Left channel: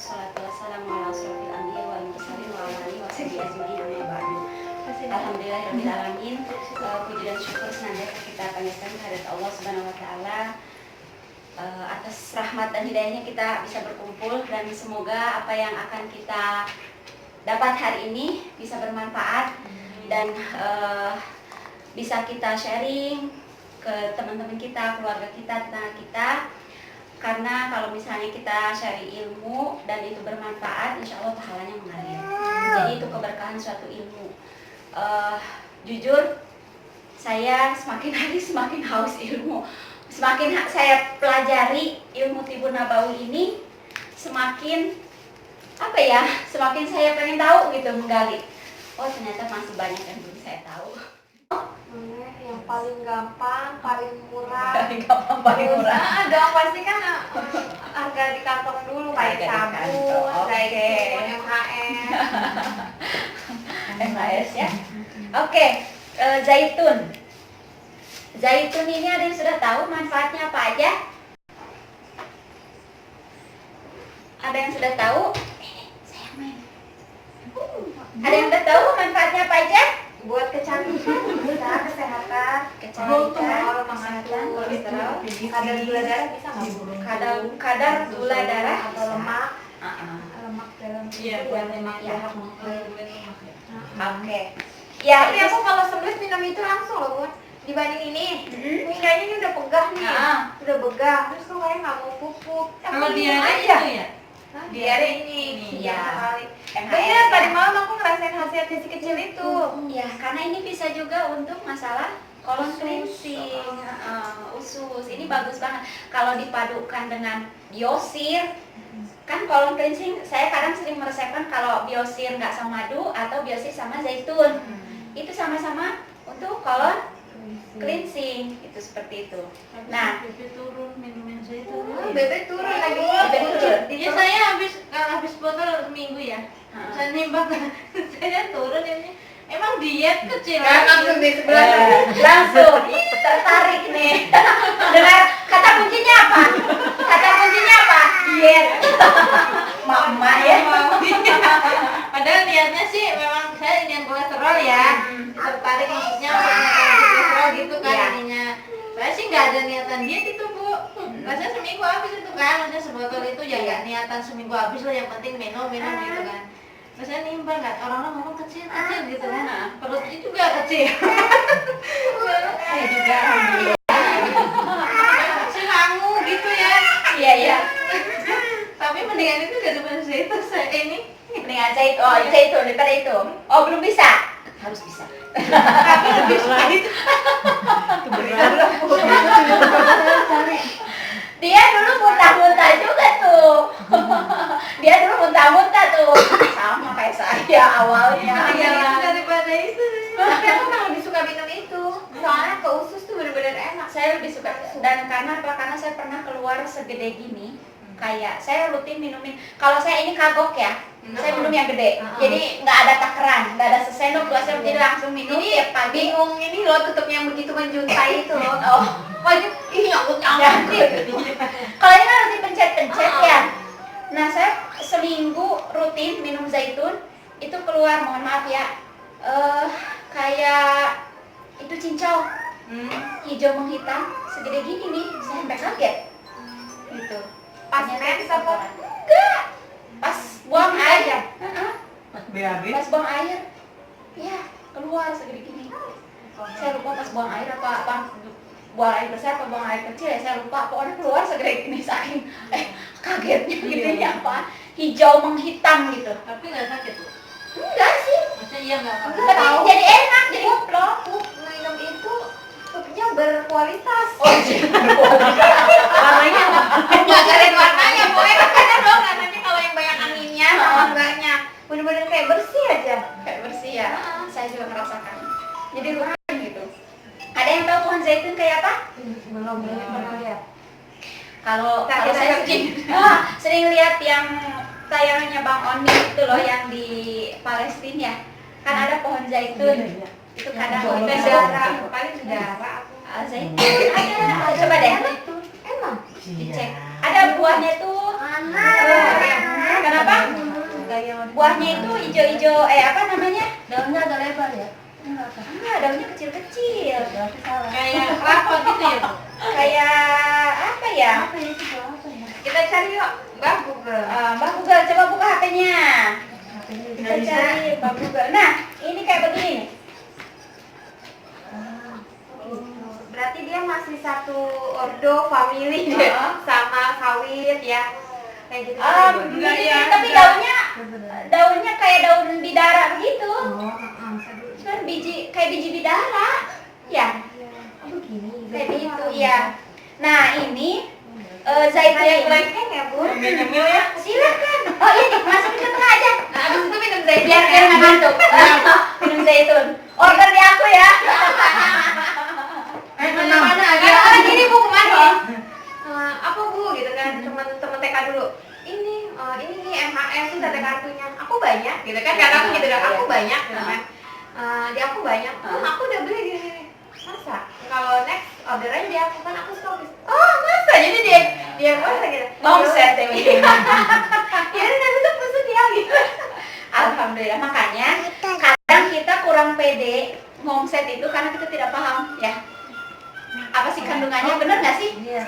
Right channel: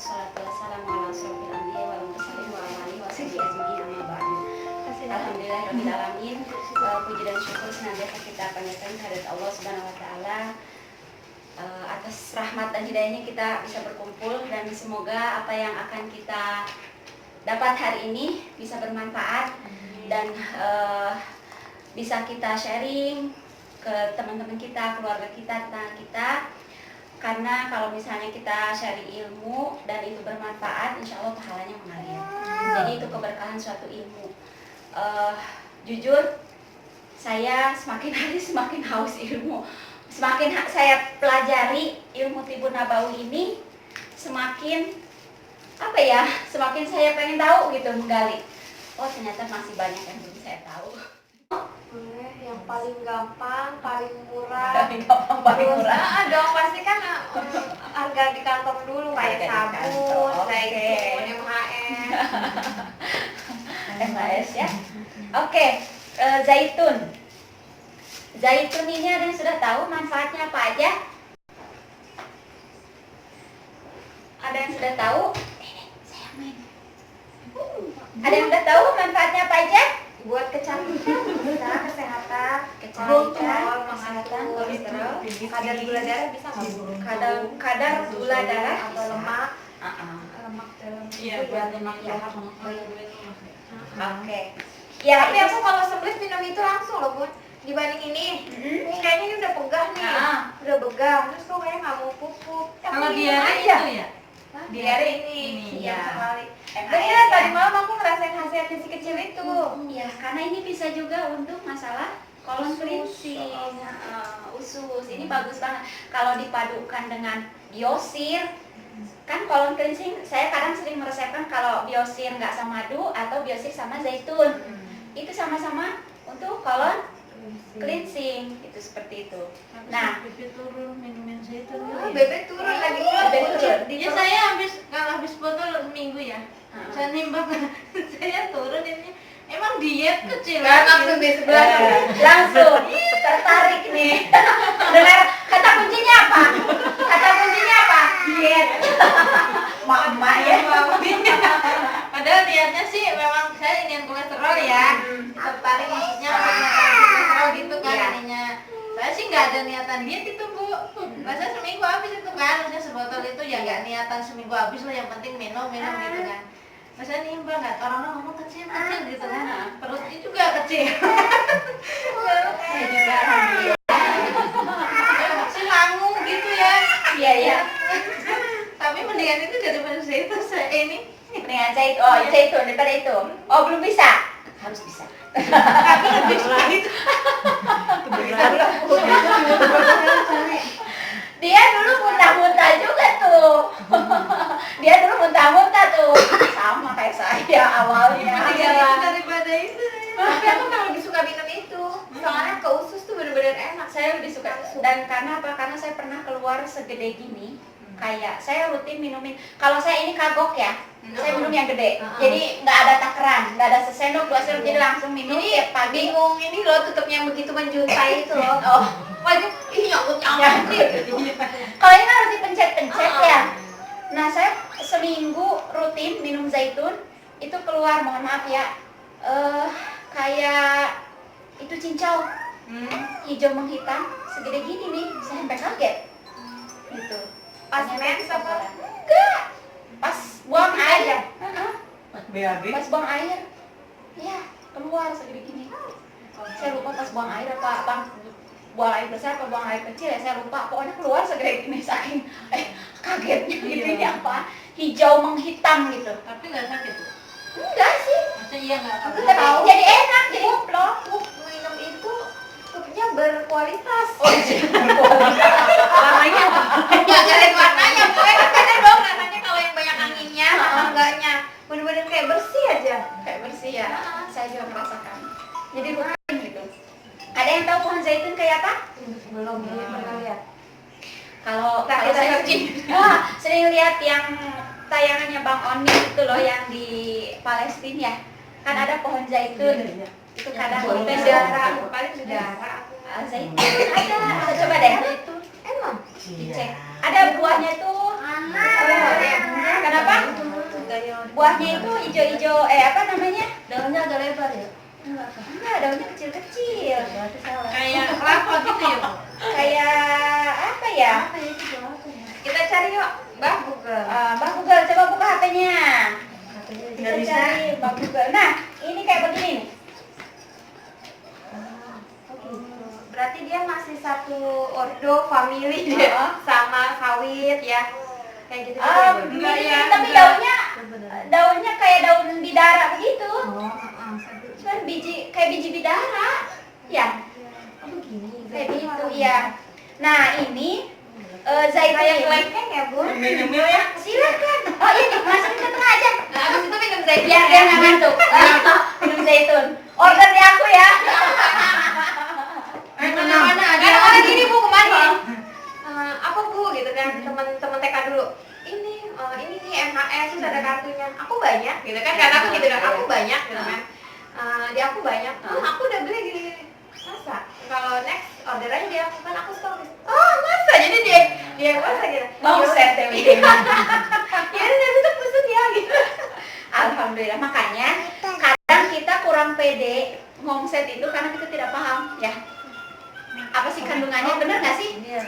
Wassalatu wassalamu ala asyrofil anbiya'i wal mursalin wa ala alihi washabihi ajmain amma ba'du. Alhamdulillahirabbil alamin. Puji dan syukur senantiasa kita panjatkan kehadirat Allah Subhanahu wa taala atas rahmat dan hidayahnya kita bisa berkumpul, dan semoga apa yang akan kita dapat hari ini bisa bermanfaat dan bisa kita sharing ke teman-teman kita, keluarga kita, tetangga kita. Karena kalau misalnya kita sharing ilmu dan itu bermanfaat, insya Allah pahalanya mengalir. Jadi itu keberkahan suatu ilmu. Jujur, saya semakin hari semakin haus ilmu. Semakin saya pelajari ilmu Tibun Nabawi ini, semakin semakin saya pengen tahu gitu, menggali. Oh, ternyata masih banyak yang belum saya tahu. Yang paling gampang, paling murah. Paling gampang, paling murah. Dong, pasti kan harga di kantong dulu, kayak sabun, zaitun, MHS. MHS ya. Oke, zaitun. Zaitun ini ada yang sudah tahu manfaatnya apa aja? Ada yang sudah tahu? Ada yang sudah tahu manfaatnya apa aja? Buat kecantikan, bisa kesehatan, Kecantikan, kesehatan, kolesterol, kadar gula darah bisa nggak? kadar gula darah, atau lemak, lemak dalam tubuh lemak ya. Oke. Oke. Ya, Tapi itu aku kalau sebelum minum itu langsung loh, Bun. Dibanding ini, ini kayaknya ini udah pegah nih, udah begah, terus kok kayak nggak mau pupuk. Kalau diare itu ya? Diare ini, Iya. sekali. Bener, tadi malam aku ngerasain khasiat kecil-kecil itu. ya, karena ini bisa juga untuk masalah colon cleansing, usus. Ini bagus banget kalau dipadukan dengan biosir. Kan colon cleansing, saya kadang sering meresepkan kalau biosir nggak sama madu atau biosir sama zaitun. Itu sama-sama untuk colon cleansing, itu seperti itu. Nah, bebek turun minumin zaitun. Bebek turun lagi pula. Bebek turun. Ya saya habis botol seminggu ya. Saya nimbang saya turun ini. Emang diet kecil. Kan langsung di sebelah. langsung tertarik nih. Dengar kata kuncinya apa? Kata kuncinya apa? Diet. Mama ya. Padahal niatnya sih memang saya ingin kolesterol ya. Tertarik maksudnya untuk menekan kolesterol gitu kan Iya. ininya. Saya sih nggak ada niatan diet itu, Bu. Rasanya seminggu habis itu kan, maksudnya sebotol itu ya nggak niatan seminggu habis lah, yang penting minum gitu kan. Saya nimbang nggak, orang-orang ngomong kecil gitu kan, perutnya juga kecil. Saya juga Si langu gitu ya. Iya ya. Tapi mendingan itu daripada itu saya ini. Mendingan zaitun. Oh, zaitun daripada itu. Oh, belum bisa. Harus bisa. Tapi lebih suka gitu. Dia dulu muntah-muntah juga tuh. Dia dulu muntah-muntah tuh. Sama kayak saya awalnya. Mendingan itu daripada itu. Tapi aku memang lebih suka minum itu. Soalnya ke usus tuh bener-bener enak. Saya lebih suka, dan karena apa? Karena saya pernah keluar segede gini. Kayak saya rutin minumin. Kalau saya ini kagok ya, saya minum yang gede. Jadi nggak ada takaran, nggak ada sesendok, 2 sendok, jadi langsung minum tiap pagi. Bingung ini loh, tutup yang begitu menjuntai itu loh. Oh, Wajib, nyangkut. kalau ini kan rutin pencet-pencet ya. Nah, saya seminggu rutin minum zaitun, itu keluar, mohon maaf ya, kayak itu cincau, hijau menghitam, segede gini nih, saya sampai kaget. Gitu. Pas Ternyata mens itu apa? kotoran. Enggak, pas buang Ini air. aja? Pas buang air, ya keluar segede gini. Saya lupa pas buang air apa buang air besar apa buang air kecil ya, saya lupa. Pokoknya keluar segede gini, saking kagetnya gitu. Ini apa? Hijau menghitam gitu. Tapi nggak sakit. Enggak sih, Maksudnya iya nggak sakit. tapi jadi enak, jadi ngeplok. Minum itu pupnya berkualitas. Oh, jadi berkualitas. Warnanya apa? Nggak ada warnanya, pokoknya katanya dong, katanya kalau yang banyak anginnya sama enggaknya bener-bener kayak bersih aja. Kayak bersih ya. Saya juga merasakan. Jadi rutin gitu. Ada yang tahu pohon zaitun kayak apa? Belum pernah lihat. Kalau Kita saya searching. sering lihat yang tayangannya Bang Oni itu loh, yang di Palestina ya. Kan ada pohon zaitun. Itu kadang kita Paling saudara aku. zaitun ada. Coba deh. Emang? Dicek. Ada buahnya tuh. Mana? Kenapa buahnya itu hijau-hijau, apa namanya? Daunnya agak lebar ya? Enggak, daunnya kecil-kecil. Kayak rapot gitu ya, Bu? Kayak apa ya? Apa ya itu buah apa ya? Kita cari yuk, Mbak Google. Mbak Google, coba buka HP-nya. HP-nya Kita tinggal bisa. cari Mbak Google. Nah, ini kayak begini nih. Berarti dia masih satu ordo family ya, sama sawit ya. Kayak gitu. Mirip, tapi daunnya kayak daun bidara begitu. Cuman kayak biji bidara. Ya, kayak begitu ya. Nah, ini zaitun Kayak ini. kelengkeng ya, Bu? Ya, silakan. Oh ini masukin ke tengah aja. Nah, abis itu minum zaitun. Biar dia nggak ngantuk. Minum zaitun. Order di aku ya. Kadang-kadang gini, Bu, kemarin. Apa, Bu, gitu kan, teman-teman TK dulu. Ini nih MHS itu ada kartunya. Aku banyak, gitu kan? Karena aku gitu kan, aku banyak, gitu kan. Di aku banyak. Aku udah beli gini. Masa? Kalau next order aja di aku kan aku stop. Oh, masa? Jadi dia masa gitu. Omset ya, Iya. Ya udah tutup tusuk ya gitu. Alhamdulillah. Makanya kadang kita kurang pede ngomset itu karena kita tidak paham ya. Apa sih kandungannya, bener nggak sih? Iya.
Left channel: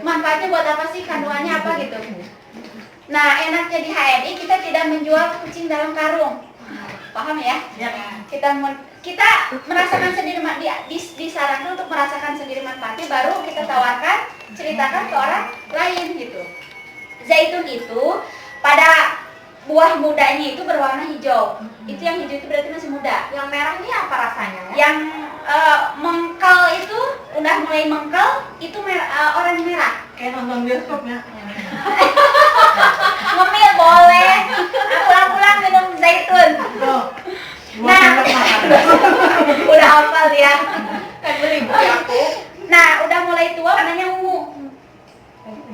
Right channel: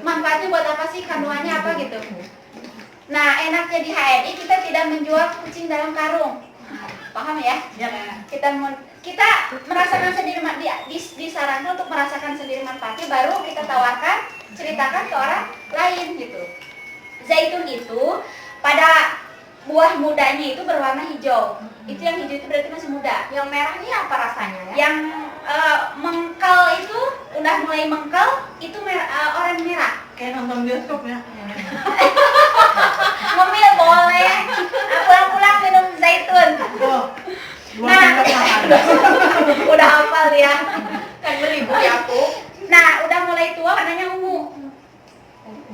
Manfaatnya buat apa sih, kandungannya apa gitu. Nah, enaknya di HNI kita tidak menjual kucing dalam karung. Paham ya? Kita merasakan sendiri, disarankan untuk merasakan sendiri manfaatnya, baru kita tawarkan, ceritakan ke orang lain gitu. Zaitun itu pada buah mudanya itu berwarna hijau. Itu yang hijau itu berarti masih muda. Yang merah ini apa rasanya? Yang mengkel itu udah mulai mengkel itu oranye merah. Kayak nonton bioskop ya. Ngemil boleh. Pulang-pulang minum zaitun. Tuh. Nah, udah hafal ya. Kan beli buku aku. Nah, udah mulai tua warnanya ungu.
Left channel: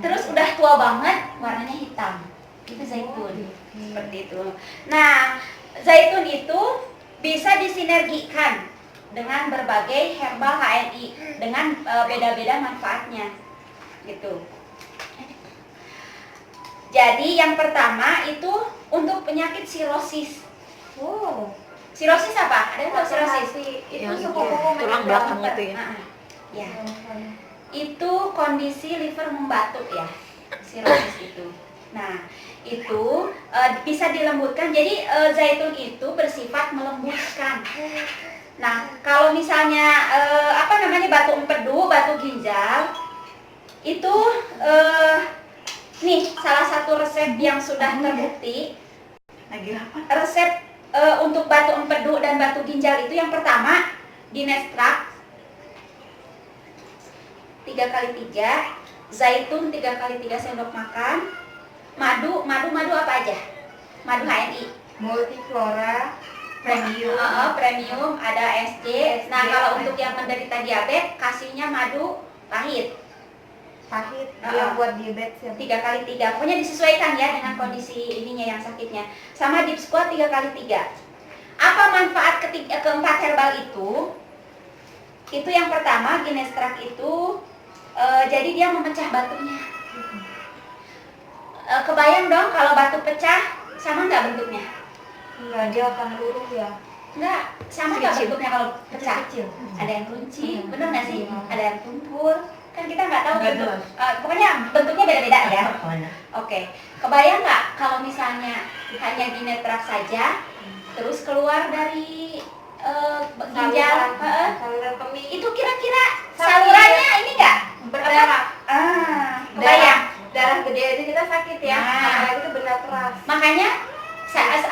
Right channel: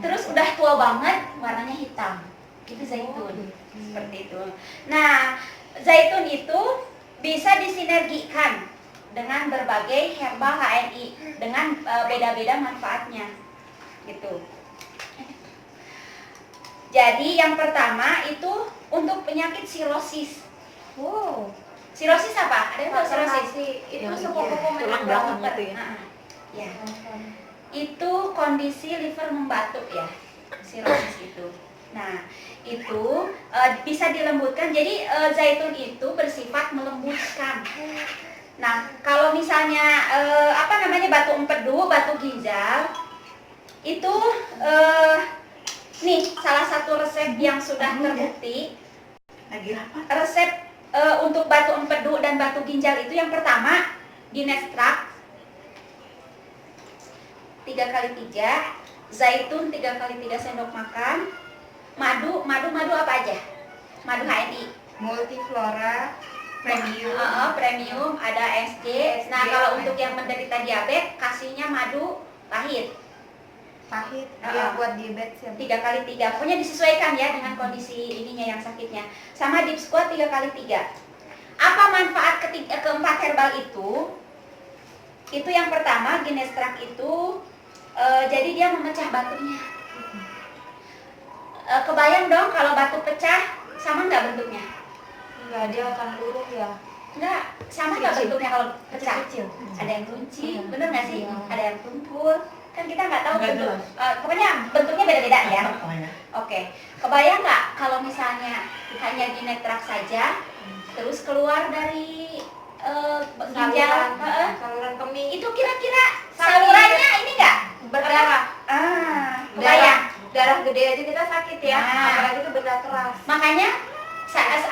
Terus udah tua banget warnanya hitam. Itu zaitun. Seperti itu. Nah, zaitun itu bisa disinergikan dengan berbagai herbal HNI dengan beda-beda manfaatnya. Gitu. Jadi yang pertama itu untuk penyakit sirosis. Wow. Sirosis apa? Ada yang tahu sirosis? Itu Yang sepupu tulang belakang itu ya. Ya. Itu kondisi liver membatu ya. Sirosis itu. Nah, itu bisa dilembutkan. Jadi zaitun itu bersifat melembutkan. Nah, kalau misalnya batu empedu, batu ginjal itu nih salah satu resep yang sudah terbukti. Lagi apa? Resep untuk batu empedu dan batu ginjal itu yang pertama ginestrak 3x3, zaitun 3x3 sendok makan, madu apa aja? Madu HNI, Multiflora premium. premium, ada SG. Nah, kalau untuk yang menderita diabetes kasihnya madu pahit. Pahit dia buat diabetes ya. 3x3, pokoknya disesuaikan ya dengan kondisi ininya yang sakitnya. Sama deep squat 3x3. Apa manfaat keempat herbal itu? Itu yang pertama ginestrak itu jadi dia memecah batunya. Kebayang dong kalau batu pecah sama nggak bentuknya? Enggak, dia akan luruh ya. Enggak, sama nggak Kecil. bentuknya kalau pecah? Kecil. Ada yang runci, bener nggak sih? Ada yang tumpul. Kan kita nggak tahu Nggak bentuk. jelas. Pokoknya bentuknya beda-beda ya. Pokoknya. Oke, kebayang nggak kalau misalnya hanya ginetrak saja, terus keluar dari ginjal, Saluran kemih itu kira-kira salurannya ini nggak? berdarah. Kebayang. Darah gede aja kita sakit ya. Nah. Apalagi itu benda keras. Makanya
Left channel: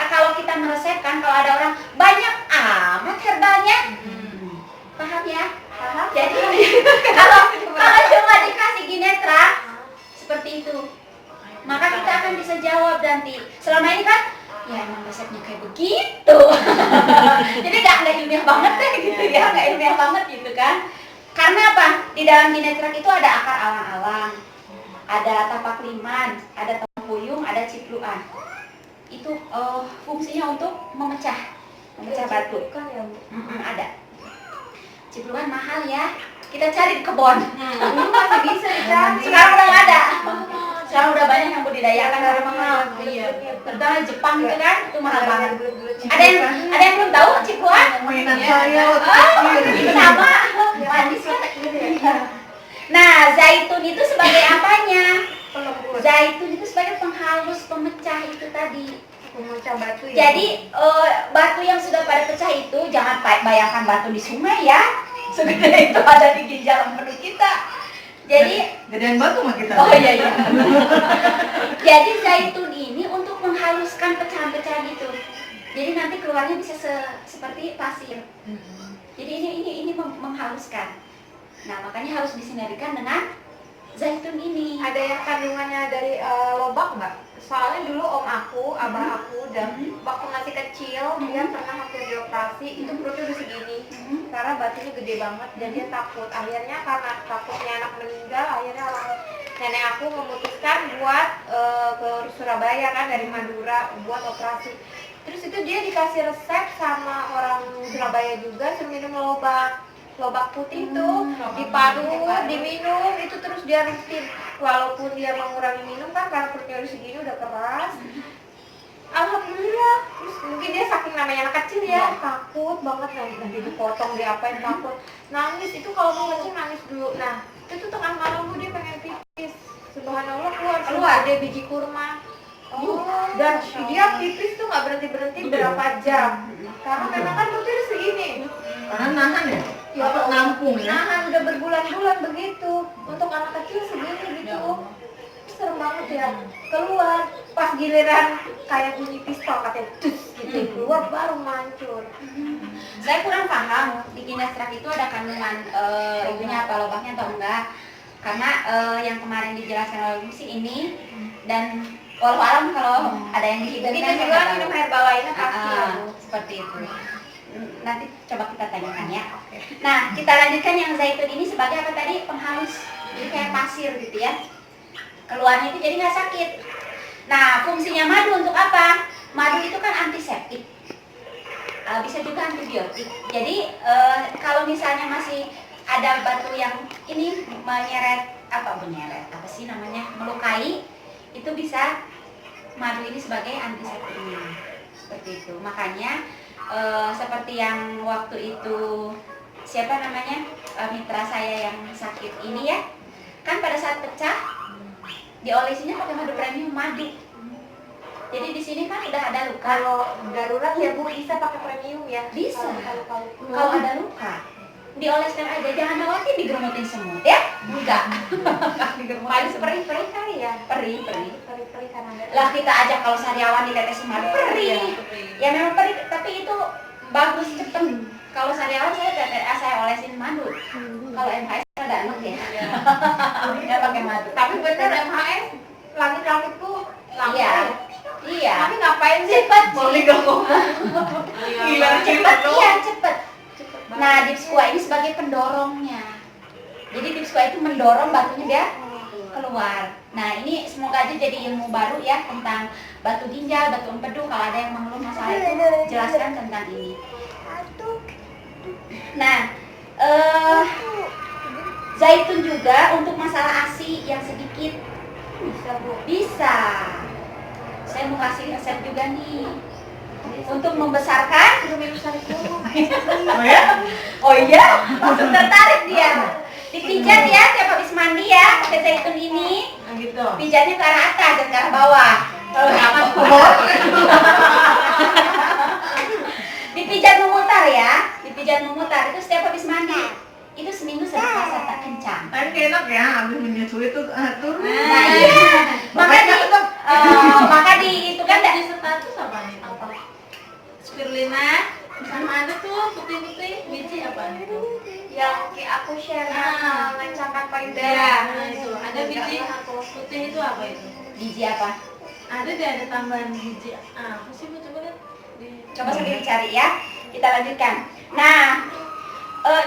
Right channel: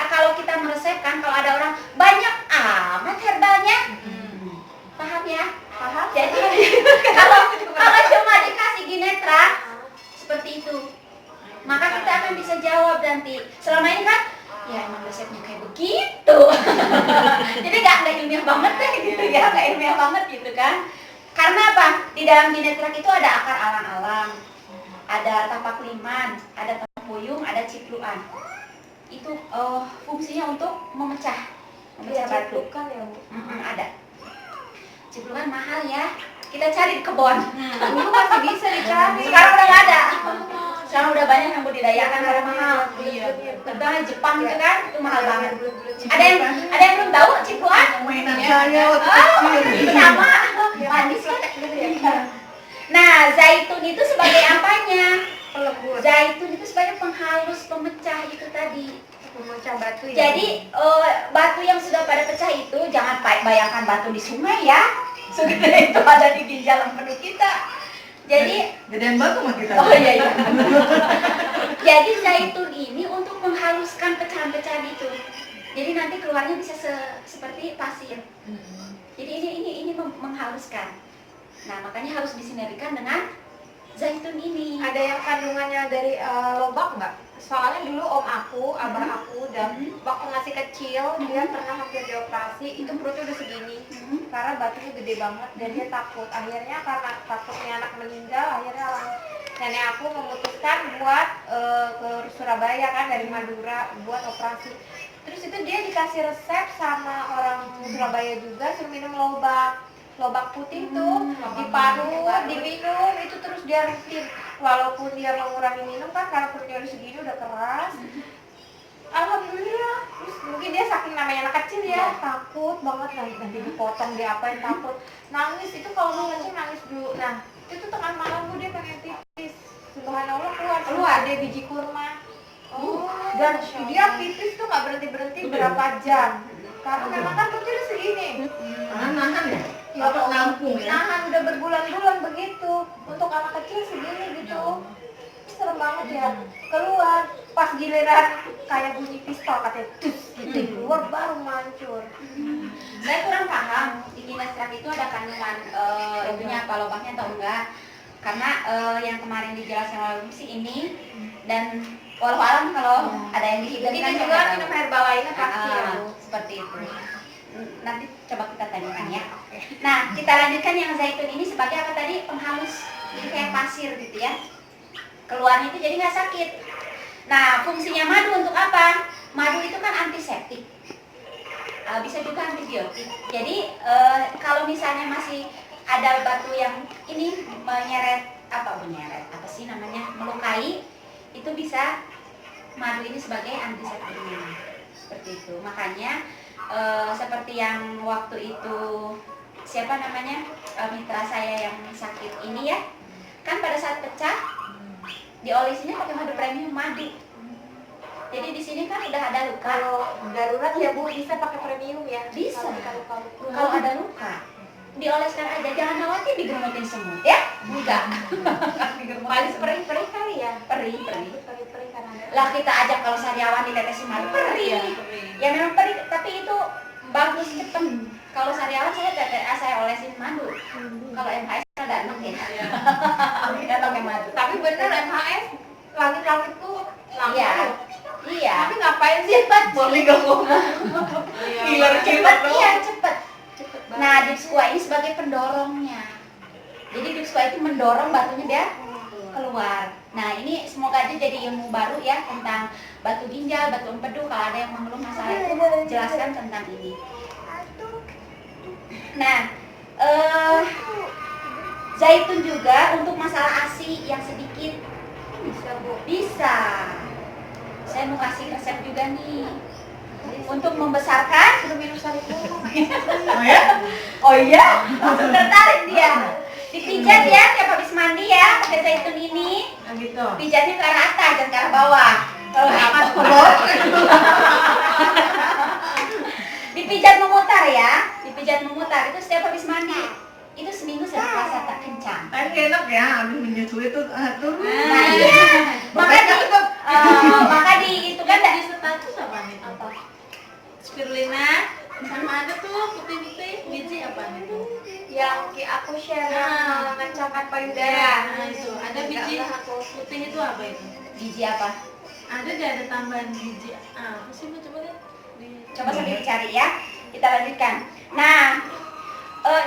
kalau kita meresepkan, kalau ada orang banyak amat herbalnya, paham ya? Paham? Jadi kalau cuma dikasih ginetrak seperti itu, maka kita akan bisa jawab nanti. Selama ini kan, ya emang resepnya kayak begitu. Jadi nggak ilmiah banget deh gitu ya, nggak ilmiah banget gitu kan? Karena apa? Di dalam ginetrak itu ada akar alang-alang, ada tapak liman, ada tempuyung, ada cipluan. Itu fungsinya untuk memecah batu. Kan ya, Bu. Ada. Cipluan mahal ya. Kita cari di kebun. Dulu masih bisa dicari. Sekarang udah nggak ada. Sekarang udah banyak yang budidayakan karena mahal. Iya. Terutama di Jepang gitu kan, itu mahal banget. Ada yang belum tahu cikuan? Mainan saya waktu Oh, kecil. sama. Manis kan? Nah, zaitun itu sebagai apanya? Zaitun itu sebagai penghalus pemecah itu tadi. Pemecah batu ya. Jadi batu yang sudah pada pecah itu jangan bayangkan batu di sungai ya. Segede itu ada di ginjal empedu kita. Jadi Gedean batu mah kita. oh iya iya. Jadi zaitun ini untuk menghaluskan pecahan-pecahan itu. Jadi nanti keluarnya bisa seperti pasir. Jadi ini menghaluskan. Nah, makanya harus disinergikan dengan zaitun ini. Ada yang kandungannya dari lobak nggak? Soalnya dulu om aku, abah aku, dan waktu masih kecil dia pernah hampir dioperasi, itu perutnya udah segini karena batunya gede banget dan dia takut. Akhirnya karena takutnya anak meninggal, akhirnya nenek aku memutuskan buat ke Surabaya kan dari Madura buat operasi. Terus itu dia dikasih resep sama orang Surabaya juga suruh minum lobak putih itu diparut, diminum, itu terus dia rutin. Walaupun dia mengurangi minum kan karena perutnya udah segini udah keras. Alhamdulillah. Terus mungkin dia saking namanya anak kecil ya, takut banget nanti dipotong dia apain, takut. Nangis itu kalau mau kencing nangis dulu. Nah, itu tengah malam dia pengen pipis. Subhanallah keluar dia biji kurma. Dan dia pipis tuh nggak berhenti berapa jam. Karena memang kan perutnya udah segini. Karena nahan ya? Ya Apa nampung ya? nahan udah berbulan-bulan begitu. Untuk anak kecil segini gitu. Serem banget ya. Keluar pas giliran kayak bunyi pistol katanya dus gitu keluar baru mancur. Saya kurang paham di ginastrak itu ada kandungan itunya apa lobaknya atau enggak. Karena yang kemarin dijelaskan oleh sih ini dan walau alam kalau ada yang dihidupkan Itu juga minum herbal lainnya pasti ya, Bu. seperti itu. Nanti coba kita tanyakan ya. Nah, kita lanjutkan yang zaitun ini sebagai apa tadi? Penghalus. Jadi kayak pasir gitu ya. Keluarnya itu jadi nggak sakit. Nah, fungsinya madu untuk apa? Madu itu kan antiseptik. Bisa juga antibiotik. Jadi kalau misalnya masih ada batu yang ini menyeret apa sih namanya? Melukai, itu bisa madu ini sebagai antiseptiknya. Seperti itu. Makanya seperti yang waktu itu siapa namanya mitra saya yang sakit ini ya, kan pada saat pecah diolesinya pakai madu premium madu. Jadi di sini kan udah ada luka. Kalau darurat ya Bu bisa pakai premium ya. Bisa. Kalau Kalau ada luka dioleskan aja, jangan khawatir digerumutin semut ya. Enggak. Digerumutin paling semut. perih ya. Perih. Perih karena ada. Lah kita ajak kalau sariawan ditetesin madu perih. Ya memang perih, tapi itu bagus cepet. Kalau sariawan saya olesin madu. Kalau MHS ada enak ya. Kita pakai madu. Tapi bener MHS langit-langit tuh langsung. Iya. Iya. Tapi ngapain sih? Cepet Boleh sih. gak ngomong? Gila, Cepet, iya cepet. Nah, dipsqua ini sebagai pendorongnya. Jadi dipsqua itu mendorong batunya dia keluar. Nah, ini semoga aja jadi ilmu baru ya tentang batu ginjal, batu empedu. Kalau ada yang mengeluh masalah itu, jelaskan tentang ini. Nah, zaitun juga untuk masalah ASI yang sedikit Bisa Bu. bisa. Saya mau kasih resep juga nih untuk membesarkan. Udah minum sari dulu. Oh ya? Oh iya, langsung tertarik dia. Dipijat ya tiap habis mandi ya pakai zaitun ini. Nah gitu. Pijatnya ke arah atas dan ke arah bawah. Kalau atas ke bawah. Dipijat memutar ya, dipijat memutar itu setiap habis mandi. Itu seminggu saya puasa tak kencang. Kan enak ya, habis menyusui itu turun. Nah iya, maka di itu kan Di status apa nih? Apa? Spirulina sama ada tuh putih-putih biji apa nih? Yang aku share Ah. ngecap apa Ya, nah itu ada biji putih itu apa itu? biji apa? Ada deh ada tambahan biji. Apa sih Bu coba lihat? Coba sambil dicari ya. Kita lanjutkan. Nah,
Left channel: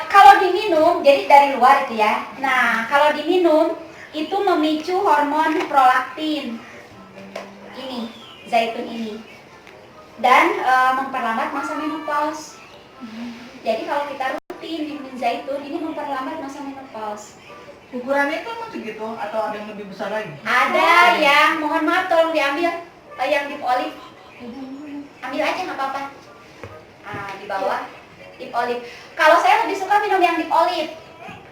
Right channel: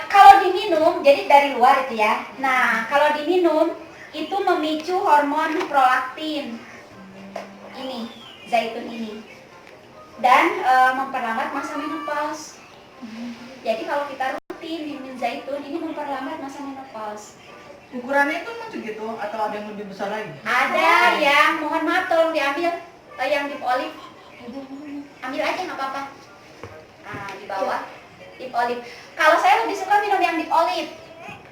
kalau diminum, jadi dari luar itu ya. Nah, kalau diminum itu memicu hormon prolaktin. Ini, zaitun ini. Dan memperlambat masa menopause. Jadi kalau kita rutin minum zaitun, ini memperlambat masa menopause. Ukurannya itu emang segitu atau ada yang lebih besar lagi? Ada yang mohon maaf tolong diambil yang dip olive. Ambil aja nggak apa-apa. Nah, di bawah dip olive. Kalau saya lebih suka minum yang dip olive.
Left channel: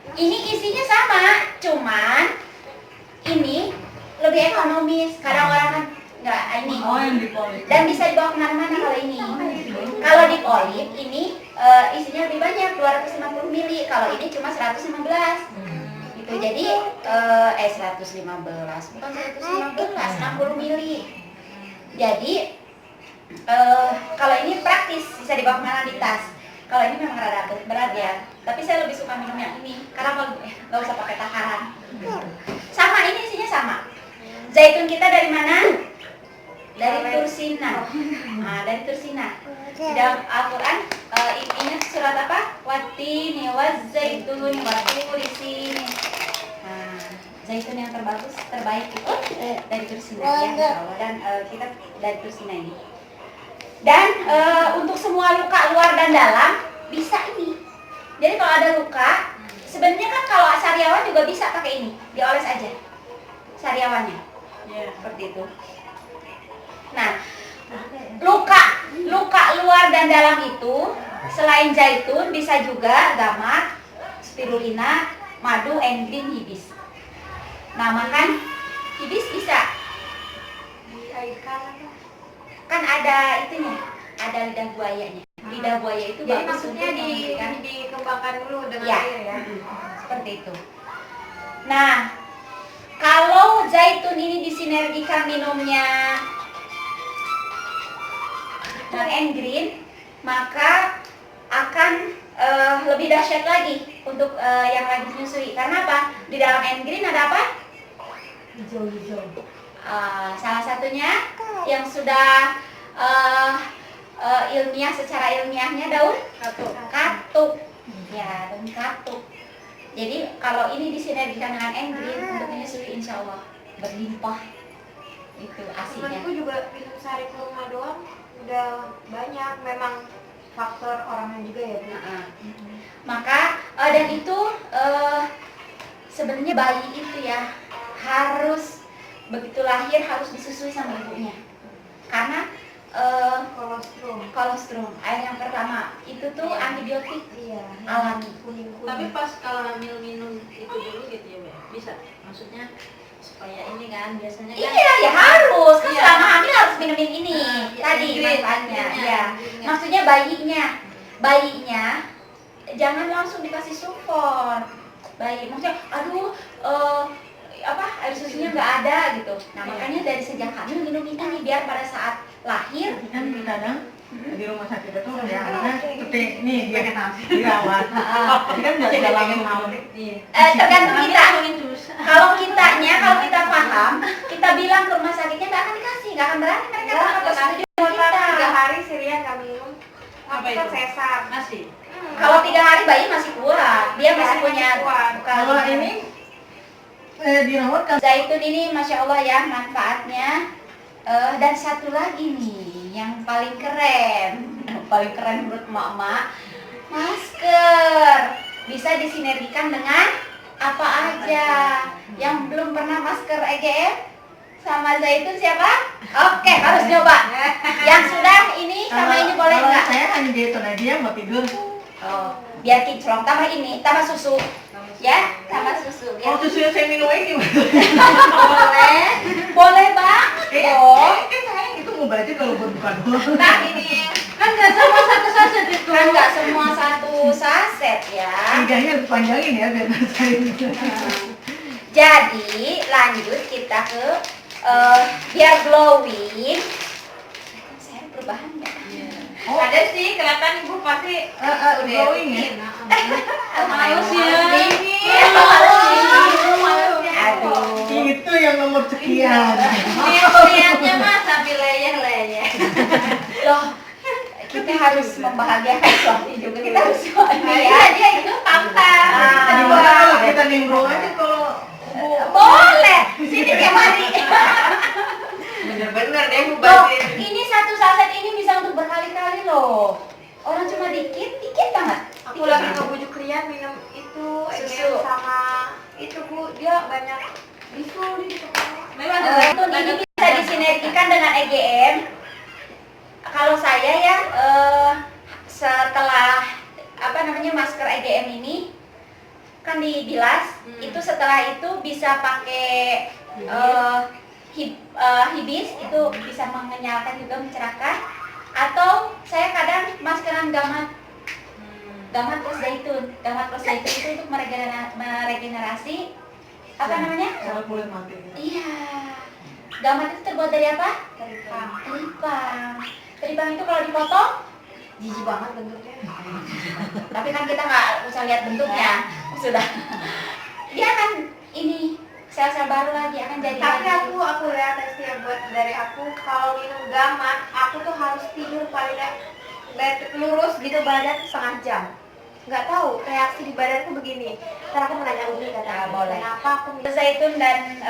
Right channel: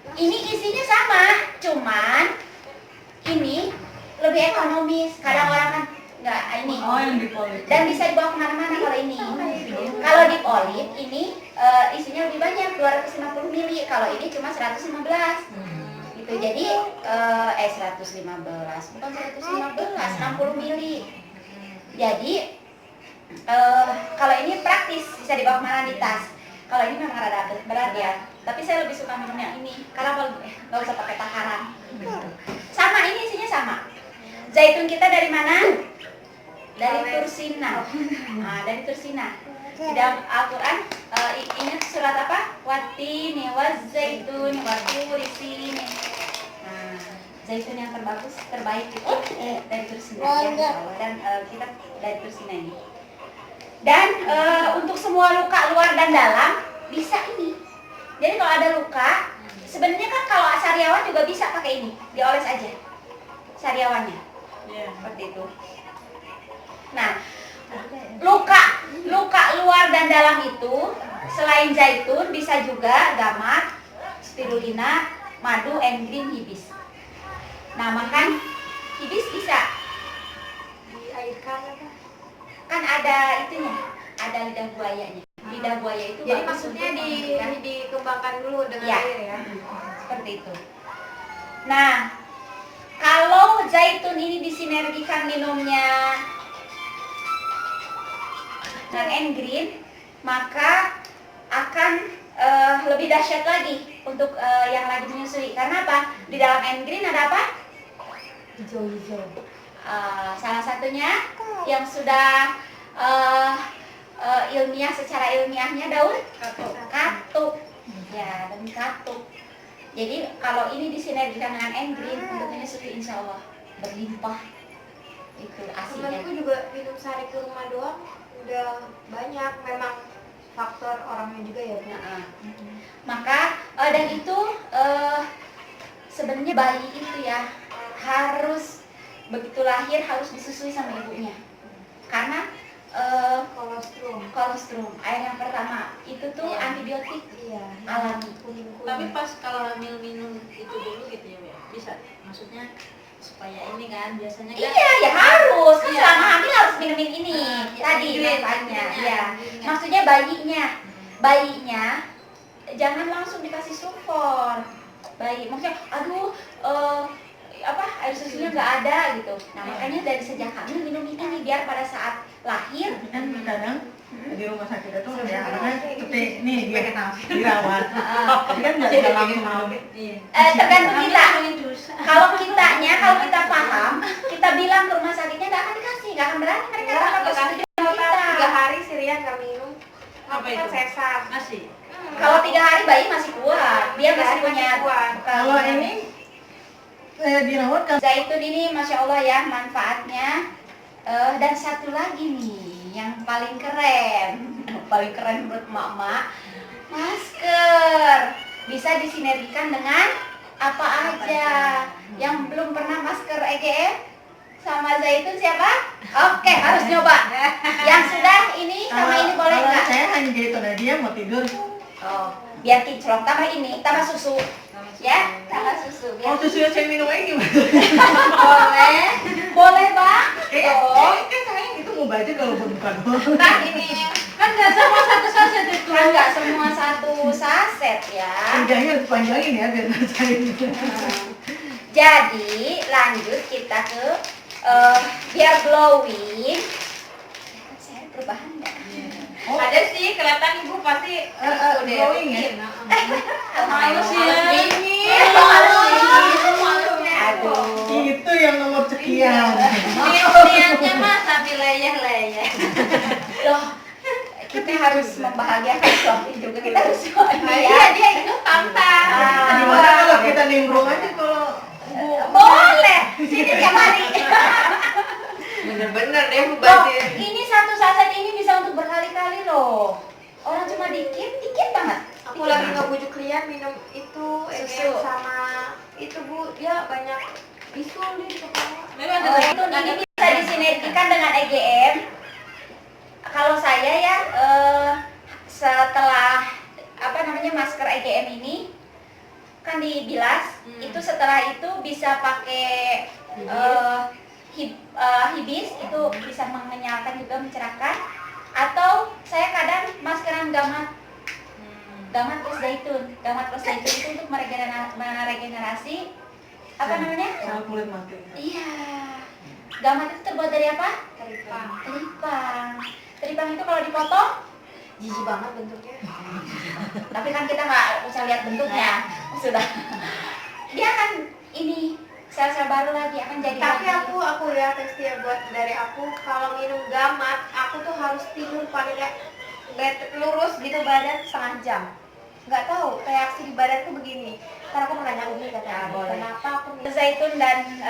Ini isinya sama, cuman ini lebih ekonomis. Kadang orang kan nggak ini. Oh, yang dipolik. Dan bisa dibawa kemana-mana kalau ini. Kalau dip olive ini isinya lebih banyak 250 ml. Kalau ini cuma 115. Gitu. Jadi 115 bukan 115, 60 ml. Jadi kalau ini praktis bisa dibawa kemana di tas. Kalau ini memang rada berat ya, tapi saya lebih suka minum yang ini karena kalau nggak usah pakai takaran. Sama, ini isinya sama. Zaitun kita dari mana? Dari Tursina. Nah, dari Tursina. Di dalam Al-Quran ingat surat apa? Watini wazaitun waturi sini. Nah, zaitun yang terbaik itu dari Tursina ya, insya Allah. Dan kita dari Tursina ini. Dan untuk semua luka luar dan dalam bisa ini. Jadi kalau ada luka, sebenarnya kan kalau sariawan juga bisa pakai ini, dioles aja sariawannya. Iya. Seperti itu. Nah, luka luar dan dalam itu selain zaitun bisa juga gamat, spirulina, madu, green, hibis. Nah, makan hibis bisa. Diairkan apa? Kan ada itunya, ada lidah buayanya. Lidah buaya itu Jadi bagus maksudnya untuk menghilangkan. dikembangkan dulu dengan Ya, air ya. seperti itu. Nah, kalau zaitun ini disinergikan minumnya dengan green, maka akan lebih dahsyat lagi untuk yang lagi menyusui. Karena apa? Di dalam green ada apa? Hijau-hijau. Salah satunya yang sudah ilmiah, secara ilmiahnya daun katuk. Ya, daun katuk. Jadi kalau ini disinergikan dengan green untuk menyusui, insya Allah berlimpah itu asinya. Temanku juga minum sari kurma doang udah banyak, memang faktor orangnya juga ya Bu. Maka dan itu sebenarnya bayi itu ya harus begitu lahir harus disusui sama ibunya, karena kolostrum air yang pertama itu tuh antibiotik Iya. alami. Tapi pas kalau hamil minum itu dulu gitu ya, Mbak? Bisa? Maksudnya supaya ini kan biasanya kan Iya ya harus kan Iya. selama hamil harus minumin ini Ya, tadi green, manfaatnya greennya, ya. greennya. Maksudnya bayinya jangan langsung dikasih sufor. Maksudnya aduh air susunya nggak ada gitu. Nah makanya dari sejak hamil minum ini biar pada saat lahir Tapi kan kadang di rumah sakit itu ya anaknya seperti nih dia dirawat. Tapi kan nggak bisa langsung minum. tergantung kita. susah. Kalau kita paham, kita bilang ke rumah sakitnya nggak akan dikasih, nggak akan berani mereka tanpa persetujuan kita. 3 hari Sirian nggak minum. Apa Kan itu? sesar. Masih. Kalau 3 hari bayi masih kuat, dia masih Masih punya kuat. Kalau ini dirawat kan zaitun ini masya Allah ya manfaatnya. Dan satu lagi nih yang paling keren menurut emak-emak, masker bisa disinergikan dengan apa aja. Yang belum pernah masker EGM sama zaitun siapa? Oke, harus nyoba. Yang sudah ini sama ini boleh kalau nggak? saya hanya gitu, nah dia mau tidur. Oh, biar kinclong, tambah ini, tambah susu. Ya, tambah susu. Kalau Biar susu yang saya minum ini boleh banget dong. kayak saya itu mau baca kalau bukan doang. Nah ini Kan nggak sama satu saset itu. Kan nggak semua satu saset ya. Lidahnya panjangin ya biar nggak saya Jadi lanjut kita ke biar glowing. Saya perubahan nggak? ada sih kelihatan Ibu pasti glowing ya. Males ya. Aduh. Itu yang nomor sekian. Lihatnya mah sambil leyeh-leyeh. Loh, kita harus membahagiakan suami juga, kita harus bahagia. Iya dia itu tampan. Gimana kalau kita nimbrung aja kalau Boleh, sini tiap hari. Bener-bener deh Bu Loh, ini satu saset ini bisa untuk berkali-kali loh. Orang cuma dikit banget. Aku lagi ngebujuk Lia minum itu Susu. sama itu Bu, dia banyak isu gitu. Memang Itu ini bisa disinergikan dengan EGM. Kalau saya ya setelah apa namanya masker EGM ini kan dibilas, itu setelah itu bisa pakai hibis, itu bisa menyalakan juga, mencerahkan. Atau saya kadang maskeran gamat plus zaitun. Gamat plus zaitun itu untuk meregenerasi apa namanya? Kalau kulit mati. Iya. Gamat itu terbuat dari apa? Teripang. Teripang itu kalau dipotong, Jijik banget bentuknya. tapi kan kita nggak usah lihat bentuknya, sudah. Dia akan ini sel-sel baru lagi, akan jadi. Tapi lagi. aku ya tes ya buat dari aku, kalau minum gamat, aku tuh harus tidur paling nggak lurus gitu badan setengah jam. Nggak tahu reaksi di badanku begini. Ntar aku menanya Umi katanya, kenapa aku minum Zaitun dan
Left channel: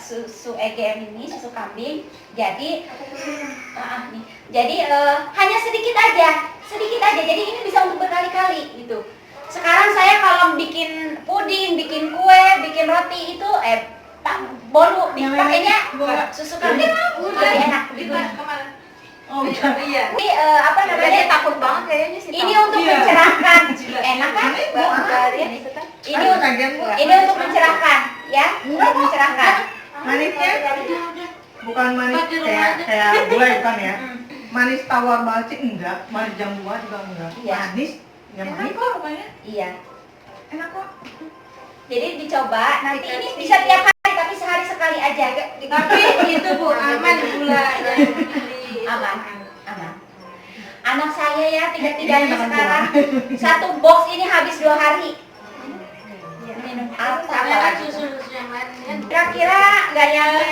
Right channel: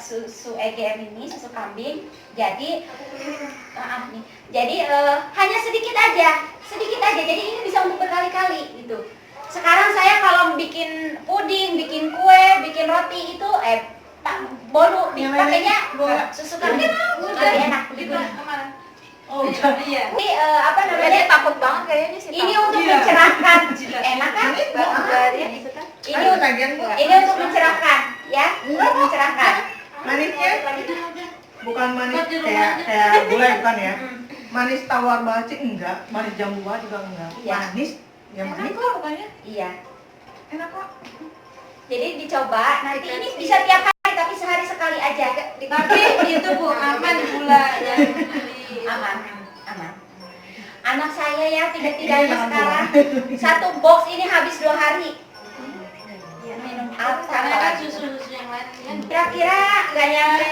susu EGM ini, susu kambing. Jadi nih. Jadi hanya sedikit aja. Jadi ini bisa untuk berkali-kali gitu. Sekarang saya kalau bikin puding, bikin kue, bikin roti itu bolu pakainya susu kambing lebih enak begitu. Oh iya. Ini apa namanya? Kayaknya takut banget kayaknya sih. Ini untuk mencerahkan. Enak kan? Ini untuk mencerahkan, ya, untuk mencerahkan. Manisnya bukan manis kayak gulai bukan ya. Manis tawar banget sih enggak, manis jambu banget juga enggak. Iya. Manis, ya manis kok pokoknya. Iya. Enak kok. Jadi dicoba. Nanti ini bisa tiap hari, tapi sehari sekali aja. Tapi itu Bu, aman gula. Aman. Anak saya ya tiga-tiganya sekarang satu box ini habis 2 hari. Minum apa lagi? Susu yang lain. Kira-kira nggak nyampe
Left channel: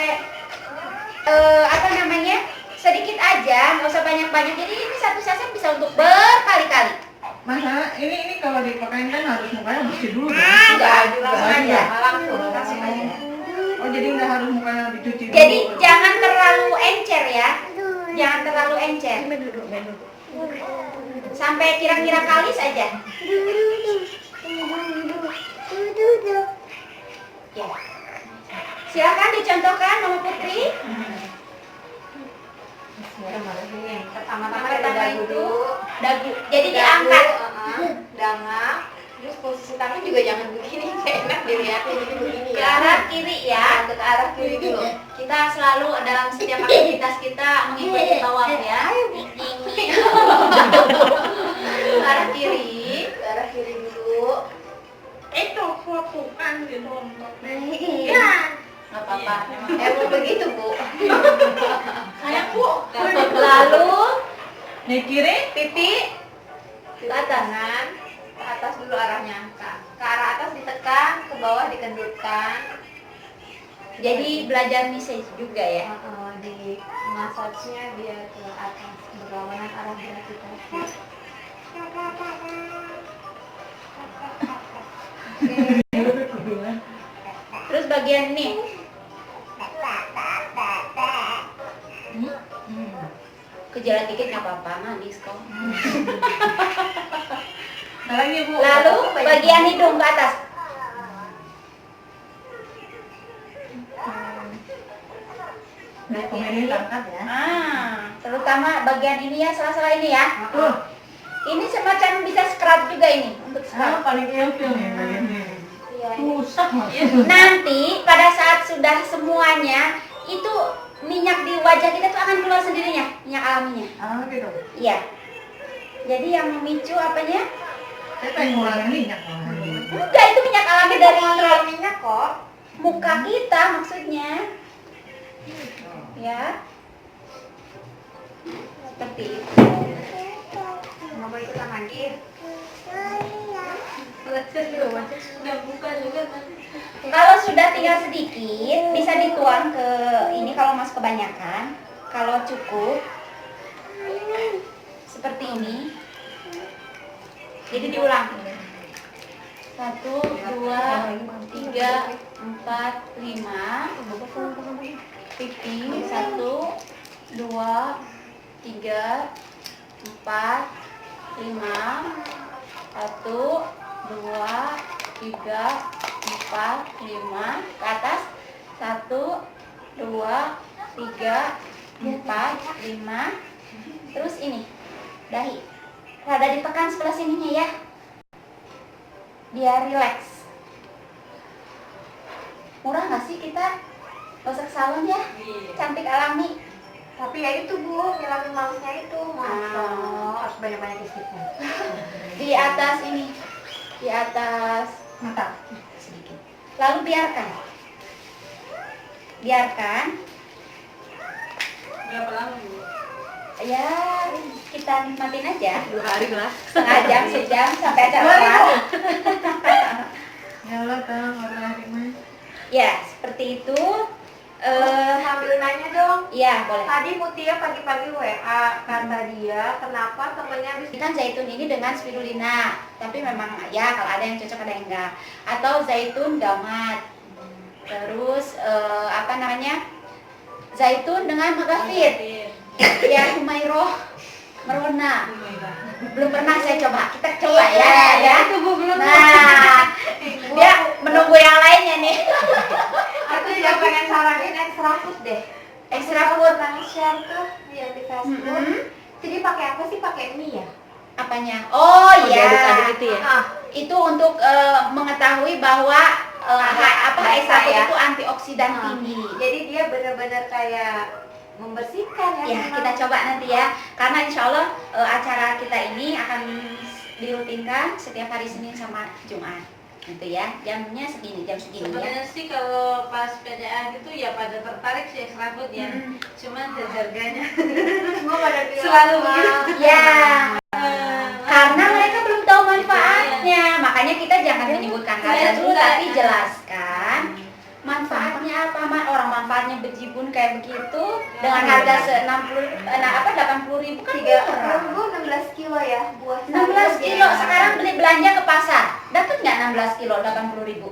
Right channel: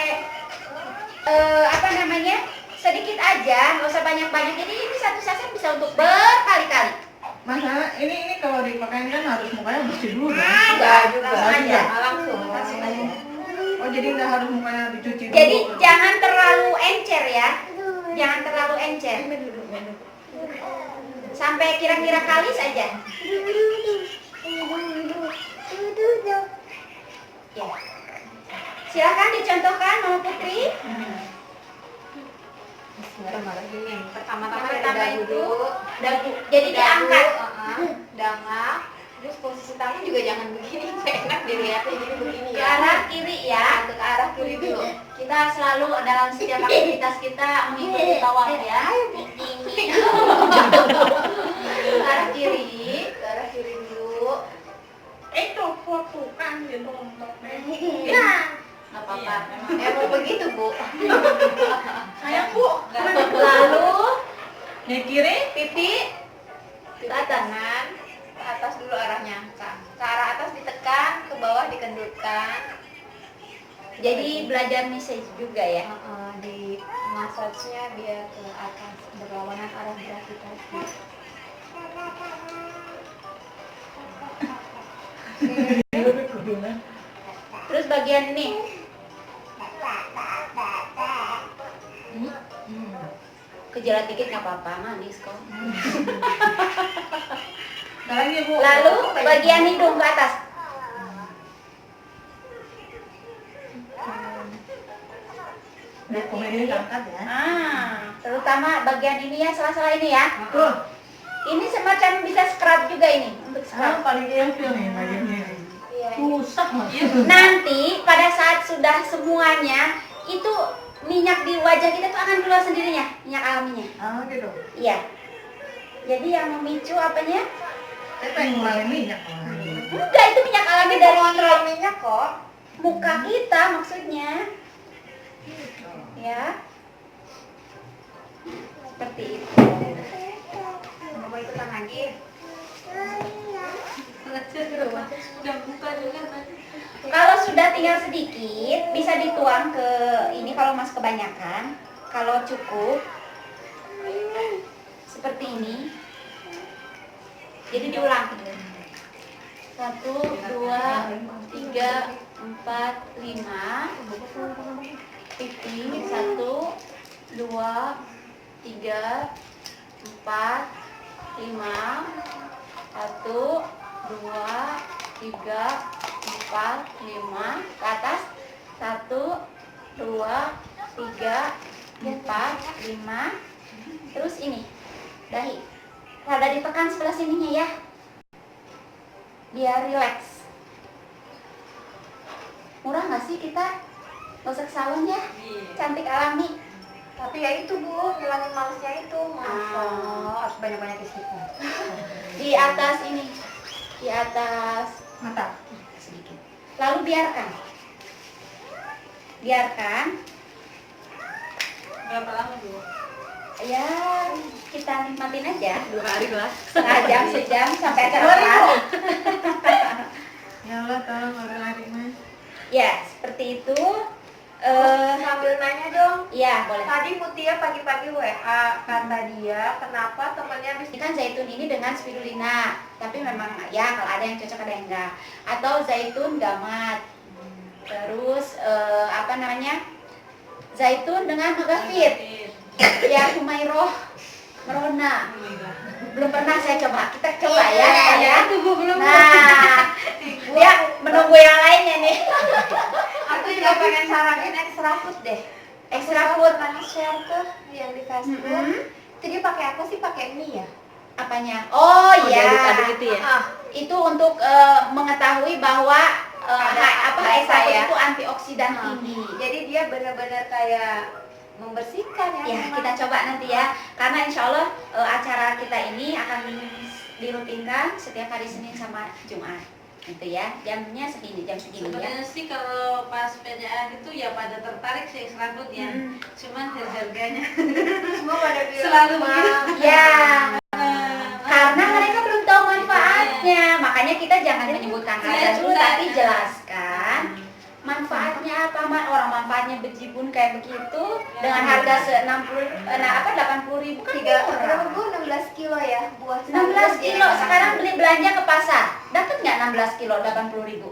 apa namanya, sedikit aja, nggak usah banyak-banyak. Jadi ini satu saset bisa untuk berkali-kali. Masa ini kalau dipakai kan harus mukanya bersih dulu ya? Enggak, langsung aja. Langsung aja. Oh jadi nggak harus mukanya dicuci dulu? Jadi jangan terlalu encer ya, jangan terlalu encer. Sampai kira-kira kalis aja. Ya. Silakan dicontohkan Mama Putri. Pertama-tama Pertama dari itu dagu. jadi diangkat. Dangak. Terus posisi tangan juga jangan begini, nggak enak dilihatnya, jadi begini Ke ya. arah kiri ya. Ke arah kiri dulu. Kita selalu dalam setiap aktivitas kita mengikuti tawaf ya. Ini. Ke arah kiri. Ke arah kiri dulu. Itu fotokan gitu. Iya. Nggak apa-apa. Emang begitu Bu. Sayang Bu. Lalu Nih kiri. pipi ke atas. Tangan ke atas dulu arahnya. Ke arah atas ditekan, ke bawah dikendutkan. Jadi belajar message juga ya. Di massage-nya dia ke atas berlawanan arah gravitasi. Terus bagian ini. Kejelat dikit nggak apa-apa, manis kok. Nah ini Bu. Lalu bagian hidung ke atas. Nah, komedi angkat ya. Terutama bagian ini ya, sela-sela ini ya. Tuh. Ini semacam bisa scrub juga ini untuk Sekarang scrub. paling ilfil nih tadi ini. Iya. Susah banget. Nanti pada saat sudah semuanya itu minyak di wajah kita tuh akan keluar sendirinya, minyak alaminya. Ah gitu. Iya. Jadi yang memicu apanya? Saya pengen ngurangin minyak malah. Enggak, itu minyak alami dari minyak kok. muka kita maksudnya. Ya. Seperti itu. Kenapa ikutan lagi? Udah buka juga tadi. Kalau sudah tinggal sedikit, bisa dituang ke ini kalau masih kebanyakan. Kalau cukup, seperti ini. Jadi diulang. 1, 2, 3, 4, 5. Pipi 1, 2, 3, 4, 5. 1, 2, 3, 4, 4, 5 ke atas. 1, 2, 3, 4, 5. Terus ini dahi rada ditekan sebelah sininya ya, biar rileks. Murah nggak sih kita gosok salon ya, cantik alami. Tapi ya itu Bu, ngilangin malesnya itu. Masa harus banyak-banyak istighfar. Di atas ini, di atas Mata. sedikit. Lalu biarkan Berapa lama dulu? ya, kita nikmatin aja 2 hari lah. setengah jam, sejam sampai kelar. Ya Allah, tolong orang lain. Ya seperti itu. Sambil nanya dong. Ya boleh. Tadi Mutia pagi-pagi WA, kata dia kenapa temennya habis Ikan zaitun ini dengan spirulina, tapi memang ya kalau ada yang cocok ada yang enggak. Atau zaitun gamat. Terus apa namanya? Zaitun dengan magafit. Ya Humairoh Merona. Belum pernah saya coba. Kita coba ya. Ya. Nah, dia menunggu yang lainnya nih. Aku juga pengen saranin extra food deh. Extra food. Pernah share tuh yang di Facebook. Jadi pakai apa sih? Pakai mie ya? Apanya? Oh iya. diaduk-aduk itu ya? Ah, Itu untuk mengetahui bahwa extra food ya. itu antioksidan tinggi. Jadi dia benar-benar kayak membersihkan ya. Ya, memang. kita coba nanti ya. Karena insya Allah acara kita ini akan dirutinkan setiap hari Senin sama Jumat. Gitu ya. Jamnya segini, jam segini ya. Sebenarnya sih kalau pas PDA gitu ya pada tertarik sih extra food ya. Cuman harganya Semua pada bilang Selalu "Wah, begitu." Ya, karena mereka belum tahu manfaatnya. Makanya kita jangan menyebutkan harga dulu, tapi jelaskan manfaatnya apa. Orang manfaatnya bejibun kayak begitu dengan harga 80.000 kan murah. 16 kilo ya buah 16 kilo sekarang beli belanja ke pasar dapat nggak 16 kilo 80.000?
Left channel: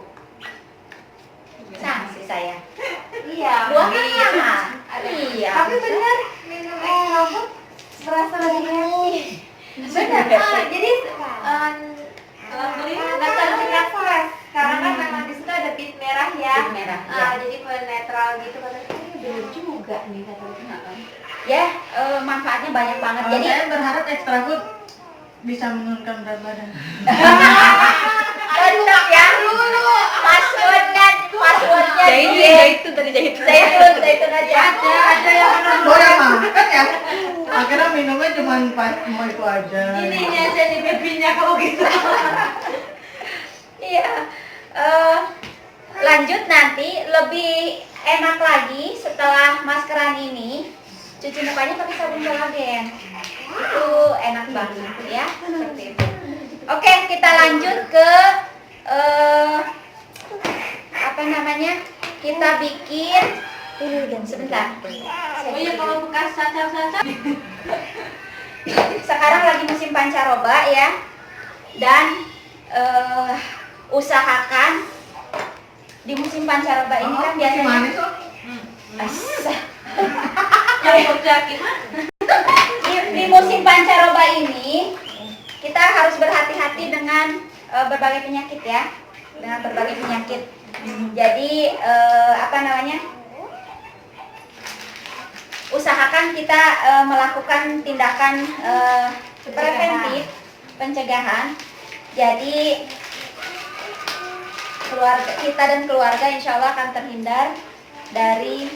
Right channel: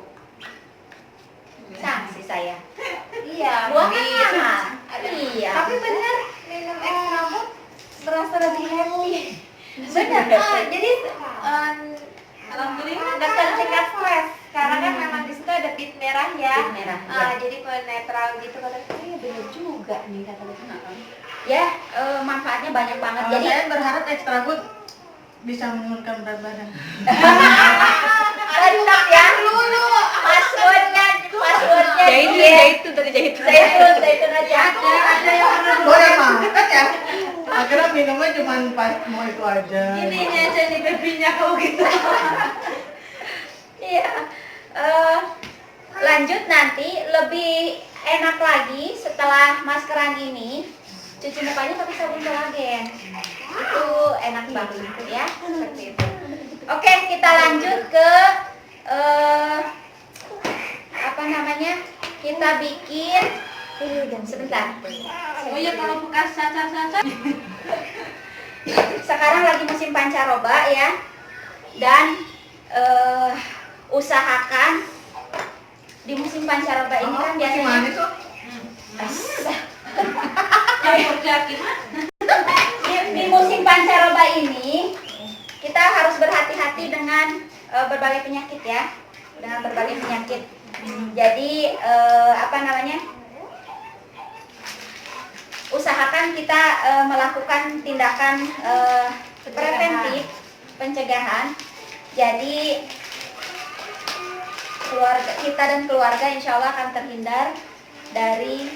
Sanksi saya. Iya. Buah kan iya. mahal. Ada. Iya. Tapi benar minum extra food berasa lebih happy. Benar. Jadi dasar tingkat stres karena kan memang di situ ada pit merah ya. Pit merah, iya. Jadi netral gitu katanya. Ini benar juga nih katanya. Ya, manfaatnya banyak banget. Jadi Jadi saya berharap extra food bisa menurunkan berat badan. tetap ya. Passwordnya zaitun aja. ada yang orang Boleh makan ya. Akhirnya minumnya cuma mau itu aja. ini aja nih babynya kalau gitu. Iya. Lanjut nanti lebih enak lagi setelah maskeran ini. Cuci mukanya pakai sabun kolagen. Itu enak banget ya, seperti itu. Oke, kita lanjut ke apa namanya? Kita bikin sebentar. Oh iya kalau bekas cacar-cacar Sekarang lagi musim pancaroba ya. Dan usahakan di musim pancaroba ini kan biasanya Manis kok. yang terjadi mah. di musim pancaroba ini kita harus berhati-hati dengan berbagai penyakit ya, dengan berbagai penyakit. Jadi apa namanya? Usahakan kita melakukan tindakan preventif, pencegahan. Jadi keluarga kita dan keluarga insya Allah akan terhindar dari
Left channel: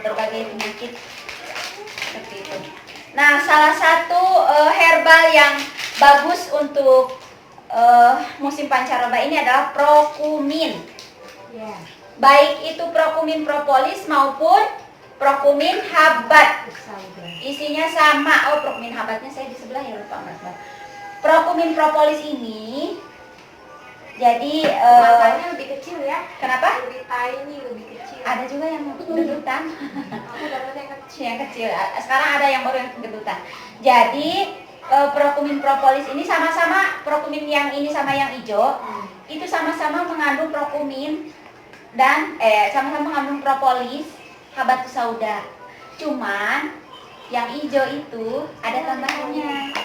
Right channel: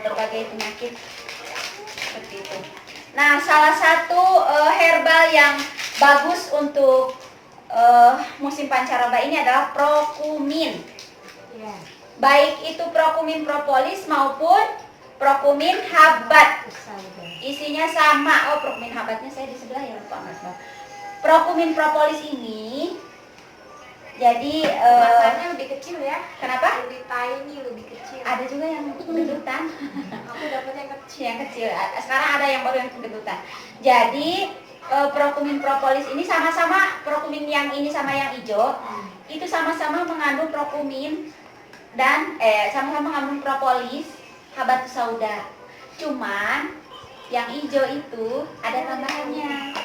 berbagai penyakit seperti itu. Nah, salah satu herbal yang bagus untuk musim pancaroba ini adalah prokumin. Iya. Baik itu prokumin propolis maupun prokumin habat. Isinya sama. Oh, prokumin habatnya saya di sebelah ya, lupa Mbak. Prokumin propolis ini jadi Masanya lebih kecil ya. kenapa? Lebih tiny, lebih kecil. Ada juga yang gendutan. Aku dapat yang kecil. Yang kecil. Sekarang ada yang baru yang gendutan. Jadi prokumin propolis ini sama-sama, prokumin yang ini sama yang hijau itu sama-sama mengandung prokumin dan sama-sama mengandung propolis, habatus sauda. Cuman yang hijau itu ada tambahannya.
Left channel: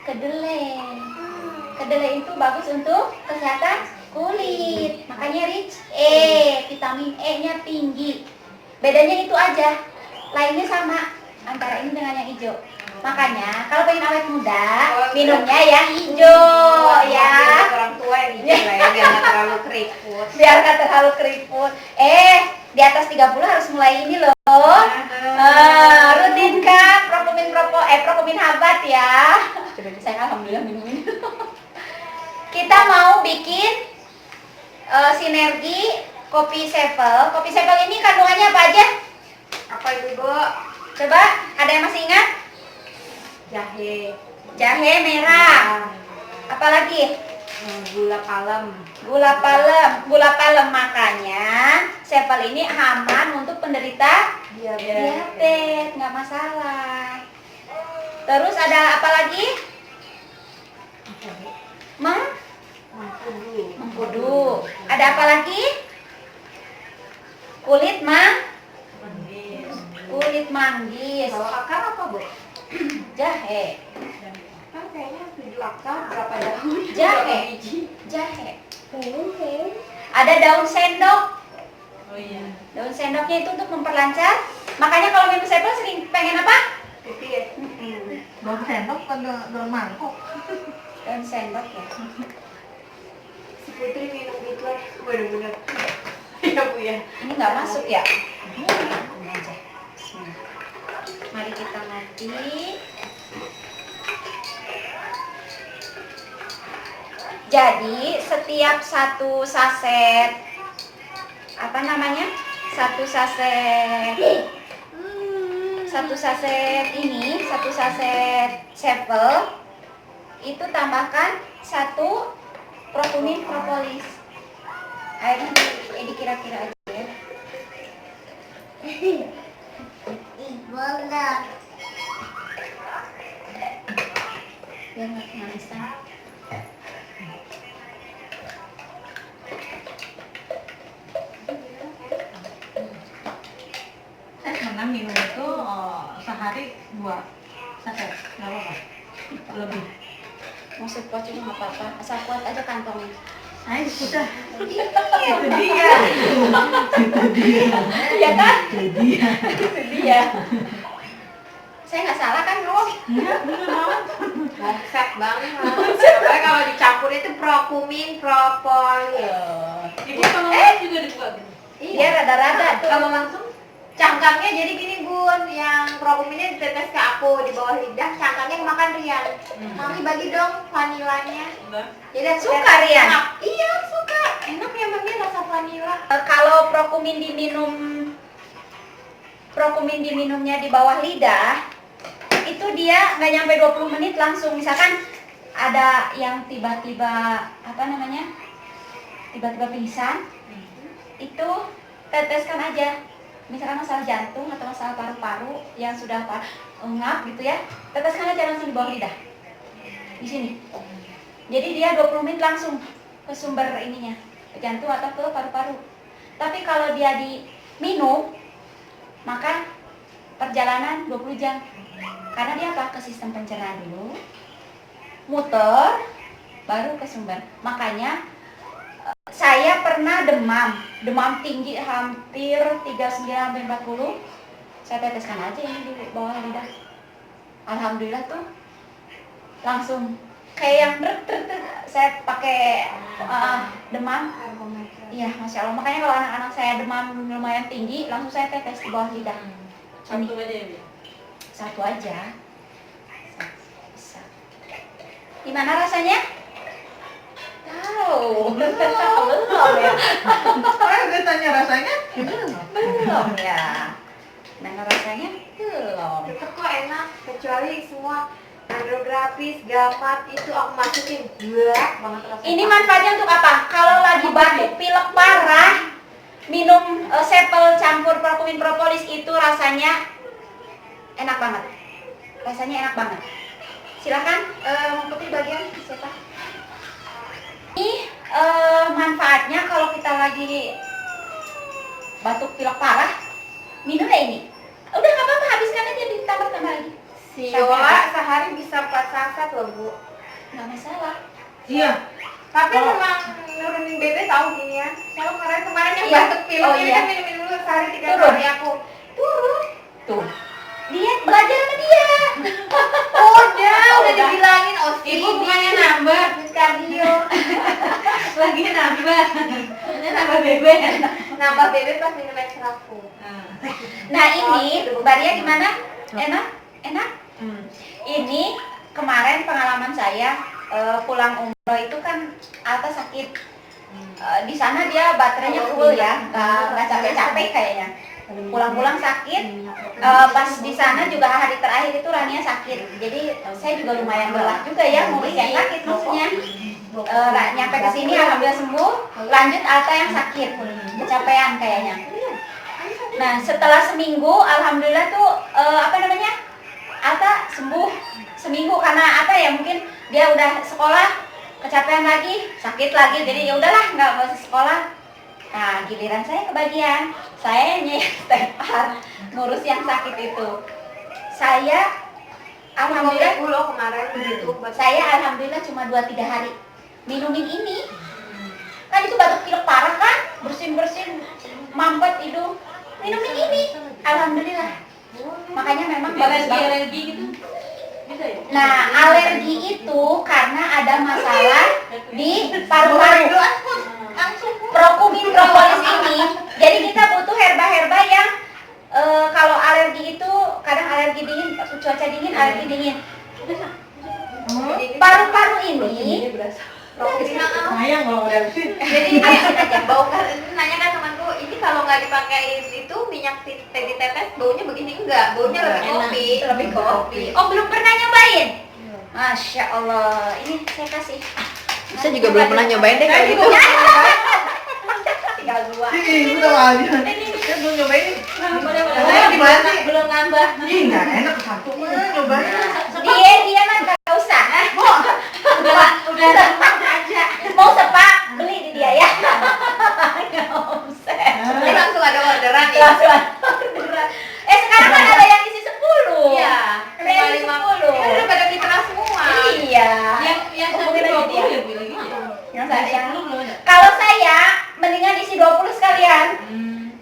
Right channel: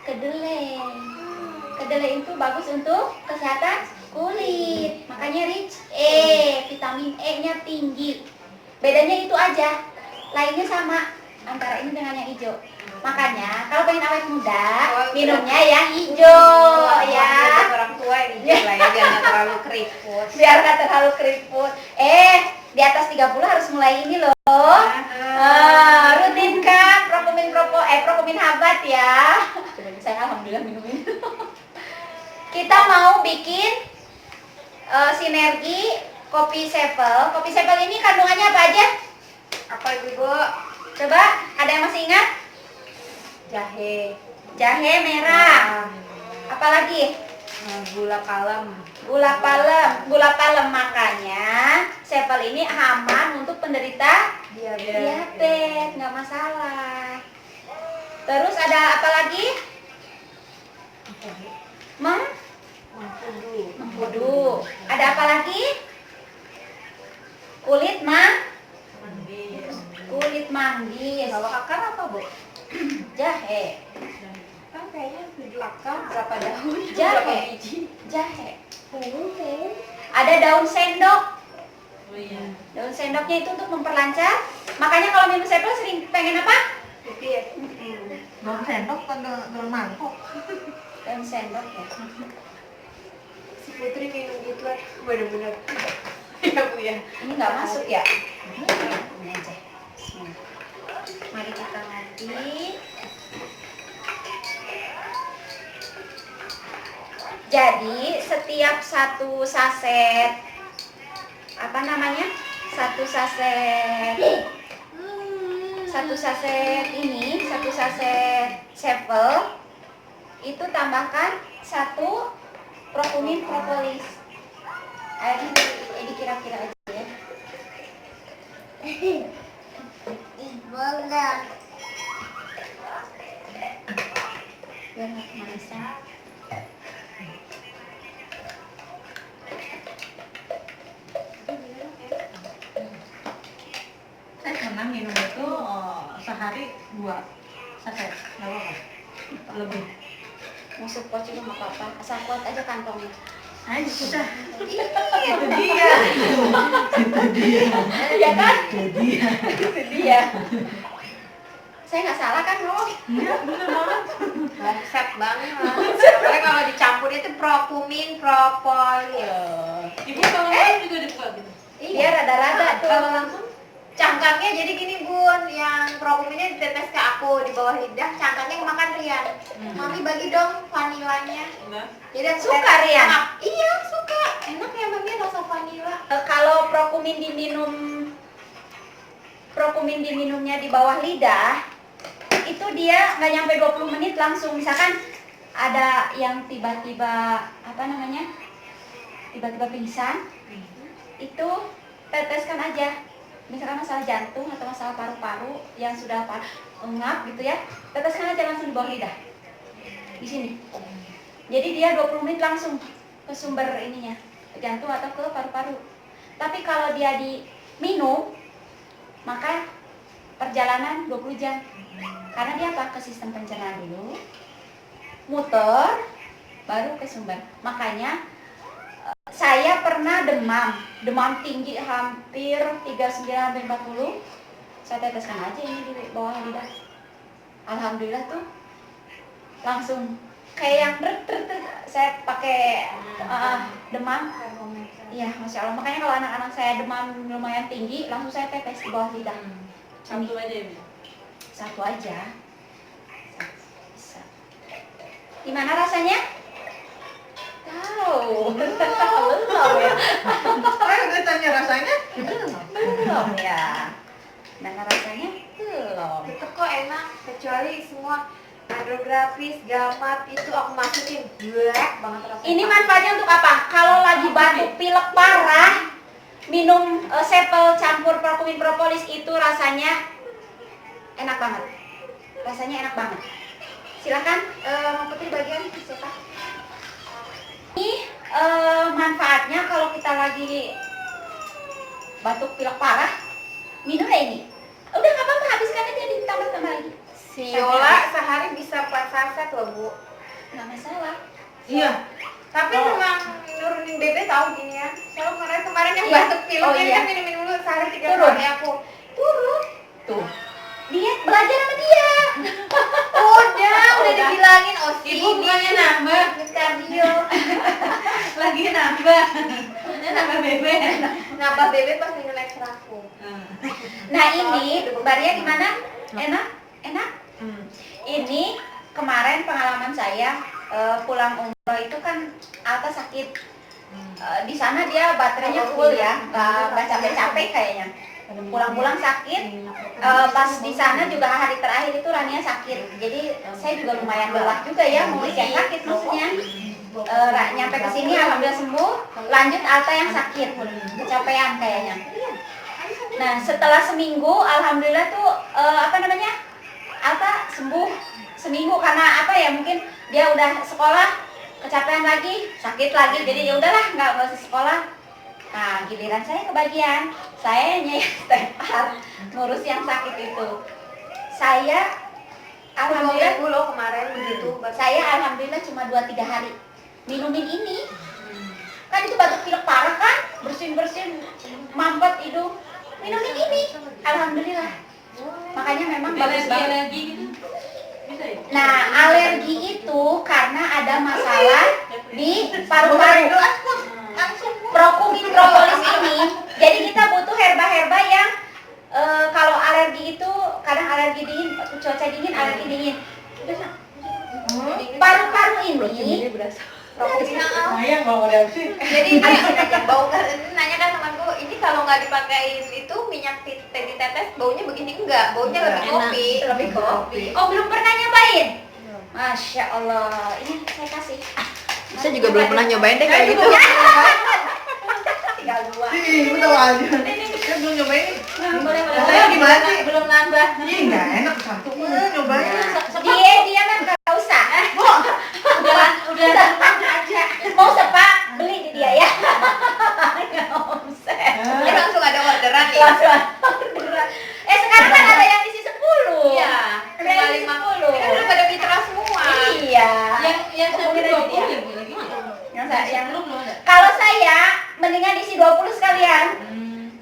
Kedelai. Kedelai itu bagus untuk kesehatan kulit. Makanya rich vitamin E-nya tinggi. Bedanya itu aja. Lainnya sama antara ini dengan yang hijau. Makanya kalau pengen awet muda, minumnya yang hijau ya. Orang tua yang hijau lah ya, biar nggak terlalu keriput. Biar nggak terlalu keriput. Di atas 30 harus mulai ini loh. Rutinkan Prokumin Habat ya. Saya alhamdulillah minum ini. Kita mau bikin sinergi kopi sepel. Kopi sepel ini kandungannya apa aja? Apa itu, Bu? Coba, ada yang masih ingat? Jahe merah. Apalagi? Gula palem. Gula palem. Makanya sepel ini aman untuk penderita diabetes, nggak masalah. Terus ada apa lagi? Mengkudu. Ada apa lagi? Kulit manggis. Kalau akar apa, Bu? Jahe. Kan kayaknya 7 akar, berapa daun? Jahe. Berapa biji? Jahe. Ada daun sendok. Daun sendoknya itu untuk memperlancar. Makanya kalau minum sepel sering pengen apa? Pipi ya? Daun sendok kan daun mangkok. Daun sendok ya. Si Putri minum gitu lah, bener-bener. Iya, Bu ya. Ini nggak masuk ya? Ini aja. Bismillah. Mari kita ngopi. Jadi setiap satu saset satu saset sepel itu tambahkan 1 Prokumin propolis. Airnya dikira-kira aja ya. Biar nggak kemanisan. Saya pernah minum itu sehari 2 saset, nggak apa-apa. Lebih. Mau support juga nggak apa-apa, asal kuat aja kantongnya. Saya sudah. Itu dia. Iya kan? Itu dia. Itu dia. Saya nggak salah kan, Rom? Enggak, bener banget. Bangsat banget. Soalnya kalau dicampur itu Prokumin propolis. Ibu kalau juga dibuka gitu. Dia rada-rada tuh. Kalau langsung Cangkangnya jadi gini, Bun, yang Prokuminnya ditetes ke aku di bawah lidah, cangkangnya makan Rian. Mami bagi dong vanilanya. Jadi aku Suka, lihat Rian? enak. Iya, suka. Enak ya Mami rasa vanila. Kalau Prokumin diminumnya di bawah lidah, itu dia nggak nyampe 20 menit langsung. Misalkan ada yang tiba-tiba tiba-tiba pingsan, itu teteskan aja. Misalkan masalah jantung atau masalah paru-paru yang sudah ngap gitu ya, teteskan aja langsung di bawah lidah. Di sini. Jadi dia 20 menit langsung ke sumber ininya, ke jantung atau ke paru-paru. Tapi kalau dia diminum, maka perjalanan 20 jam. Karena dia apa? Ke sistem pencernaan dulu, muter, baru ke sumber. Makanya saya pernah demam tinggi hampir 39-40. Saya teteskan aja ini di bawah lidah. Alhamdulillah tuh langsung kayak yang saya pakai demam. Iya, Masya Allah. Makanya kalau anak-anak saya demam lumayan tinggi, langsung saya tetes di bawah lidah. satu aja ya, Bu? Satu aja. Bisa. Gimana rasanya? Tahu. Belum ya. Saya udah tanya rasanya, Belum ya. Gimana rasanya? Belum. Tetep kok enak, kecuali semua hidrografis, gamat itu aku masukin blek banget rasanya. Ini manfaatnya untuk apa? Kalau lagi batuk pilek parah, minum sepel campur Prokumin propolis itu rasanya enak banget. Rasanya enak banget. Silahkan Putri bagian siapa? Ini manfaatnya kalau kita lagi batuk pilek parah, minumnya ini. Udah nggak apa-apa, habiskan aja, ditambah-tambah lagi. Si Yola sehari bisa 4 saset loh, Bu. Nggak masalah. iya. Tapi Oh. memang nurunin bete tahu gini ya. Kalau kemarin yang Iya. batuk pilek Oh, ini iya. kan minum dulu sehari 3 Turun. kali aku turun. Tuh. Lihat belajar sama dia. Udah dibilangin OSI. Ibu bukannya nambah, kardio. lagi nambah. Ini nambah bebek. Nambah bebek pas minum ekstraku. Nah ini, Mbak Ria gimana? Enak? Enak? Ini kemarin pengalaman saya pulang umroh itu kan Alta sakit. Di sana dia baterainya full ya, nggak capek-capek kayaknya. Pulang-pulang sakit. Pas di sana juga hari terakhir itu Rania sakit. Jadi saya juga lumayan lelah juga ya, ngurus yang sakit maksudnya. Nyampe ke sini alhamdulillah sembuh. Lanjut Alta yang sakit, kecapean kayaknya. Nah setelah seminggu alhamdulillah tuh Alta sembuh seminggu karena apa ya, mungkin dia udah sekolah kecapean lagi, sakit lagi, jadi ya udahlah nggak masih sekolah. Nah giliran saya kebagian, saya stepar ngurus yang sakit itu. Saya alhamdulillah kemarin begitu. saya alhamdulillah cuma 2-3 hari minumin ini. Kan itu batuk pilek parah kan, bersin mampet hidung, minumin ini alhamdulillah. Makanya memang bagus banget. Alergi gitu. Bisa ya? Nah, alergi itu karena ada masalah di paru-paru. Prokumin propolis ini. Jadi kita butuh herba-herba yang kalau alergi itu kadang alergi dingin, cuaca dingin, alergi dingin. Paru-paru ini Sayang kalau nggak ada sih. Jadi habisin aja bau kan, nanya kan temanku, ini kalau nggak dipakai itu minyak ditetes baunya begini enggak, baunya lebih Enak. kopi. lebih kopi. Oh, belum pernah nyobain? Masya Allah, ini saya kasih. Saya juga belum pernah nyobain deh kayak gitu. Tinggal 2. Ih, udah aja. Saya belum nyobain. Boleh. Gimana? Belum nambah. Ih, nggak enak satu. Nyobain. Dia mah nggak usah. Udah aja. Mau sepak beli di dia ya. Nggak usah. Ini langsung ada orderan nih. Langsung orderan. Sekarang kan ada yang isi 10. Iya. Ada yang isi 10. Ini udah pada mitra semua. Iya. Yang Hubungin aja dia. ya bilang gitu. Yang belum ada. kalau saya mendingan isi 20 sekalian.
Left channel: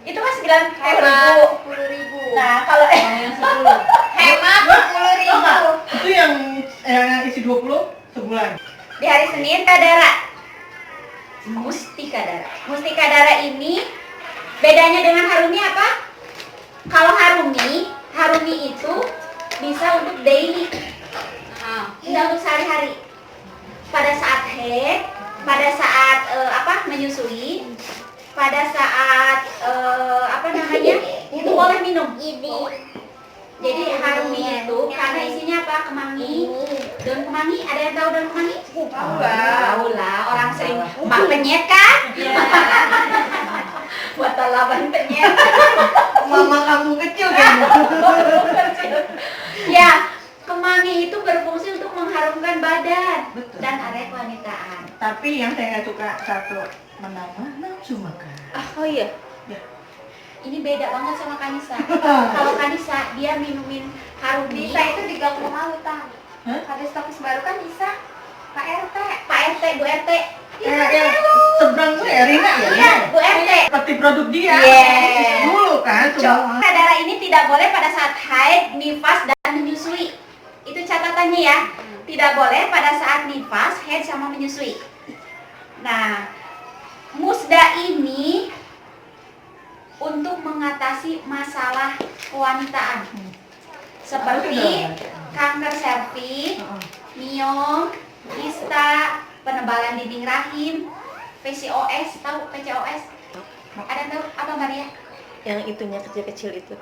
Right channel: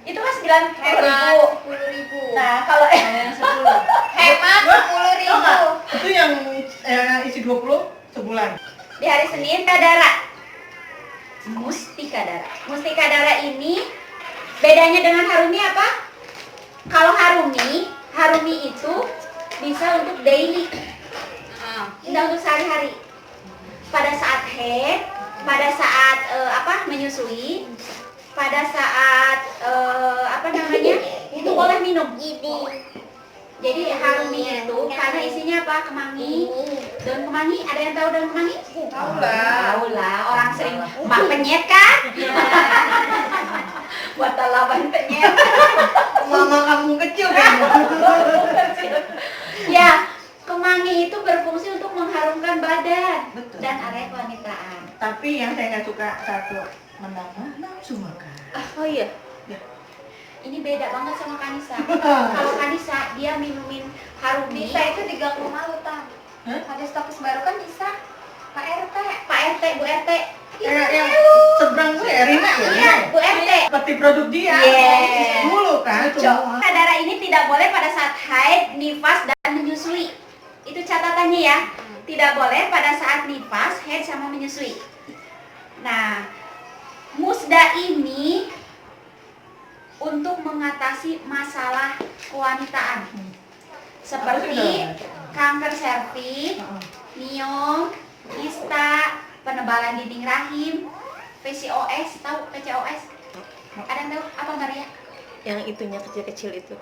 Itu kan 90.000. Hemat 10.000. Nah, kalau Yang 10. Hemat 10.000. Itu yang isi 20 sebulan. di hari Senin Kadara. Mustika Dara. Mustika Dara ini bedanya dengan Harumi apa? Kalau Harumi itu bisa untuk daily, tidak untuk sehari-hari. Pada saat haid, pada saat menyusui, pada saat itu boleh minum. Jadi Harumi itu karena isinya apa? Kemangi, daun kemangi. Ada yang tahu daun kemangi? Tahu lah, orang sering mak penyet kan? Buat lawan penyet. Mama kamu kecil kan? Ya, kemangi itu berfungsi untuk mengharumkan badan Betul. dan area kewanitaan. Tapi yang saya nggak suka satu menambah nafsu makan. Oh iya. Ya. Ini beda banget sama Kanisa. Kalau Kanisa dia minumin Harumi. Bisa itu diganggu malu tang. Hah? Ada stokis baru kan bisa. Pak RT. Pak RT, Bu RT. Yang seberang tuh ya Rina ya. Iya, Bu RT. Seperti produk dia. Yes. Dulu kan semua. Darah ini tidak boleh pada saat haid, nifas, dan menyusui. Itu catatannya ya. Tidak boleh pada saat nifas, haid, sama menyusui. Nah, musda ini untuk mengatasi masalah kewanitaan seperti kanker serviks, miom, kista, penebalan dinding rahim, PCOS. Tahu PCOS? Ada yang tahu apa Maria? Yang itunya kecil-kecil itu.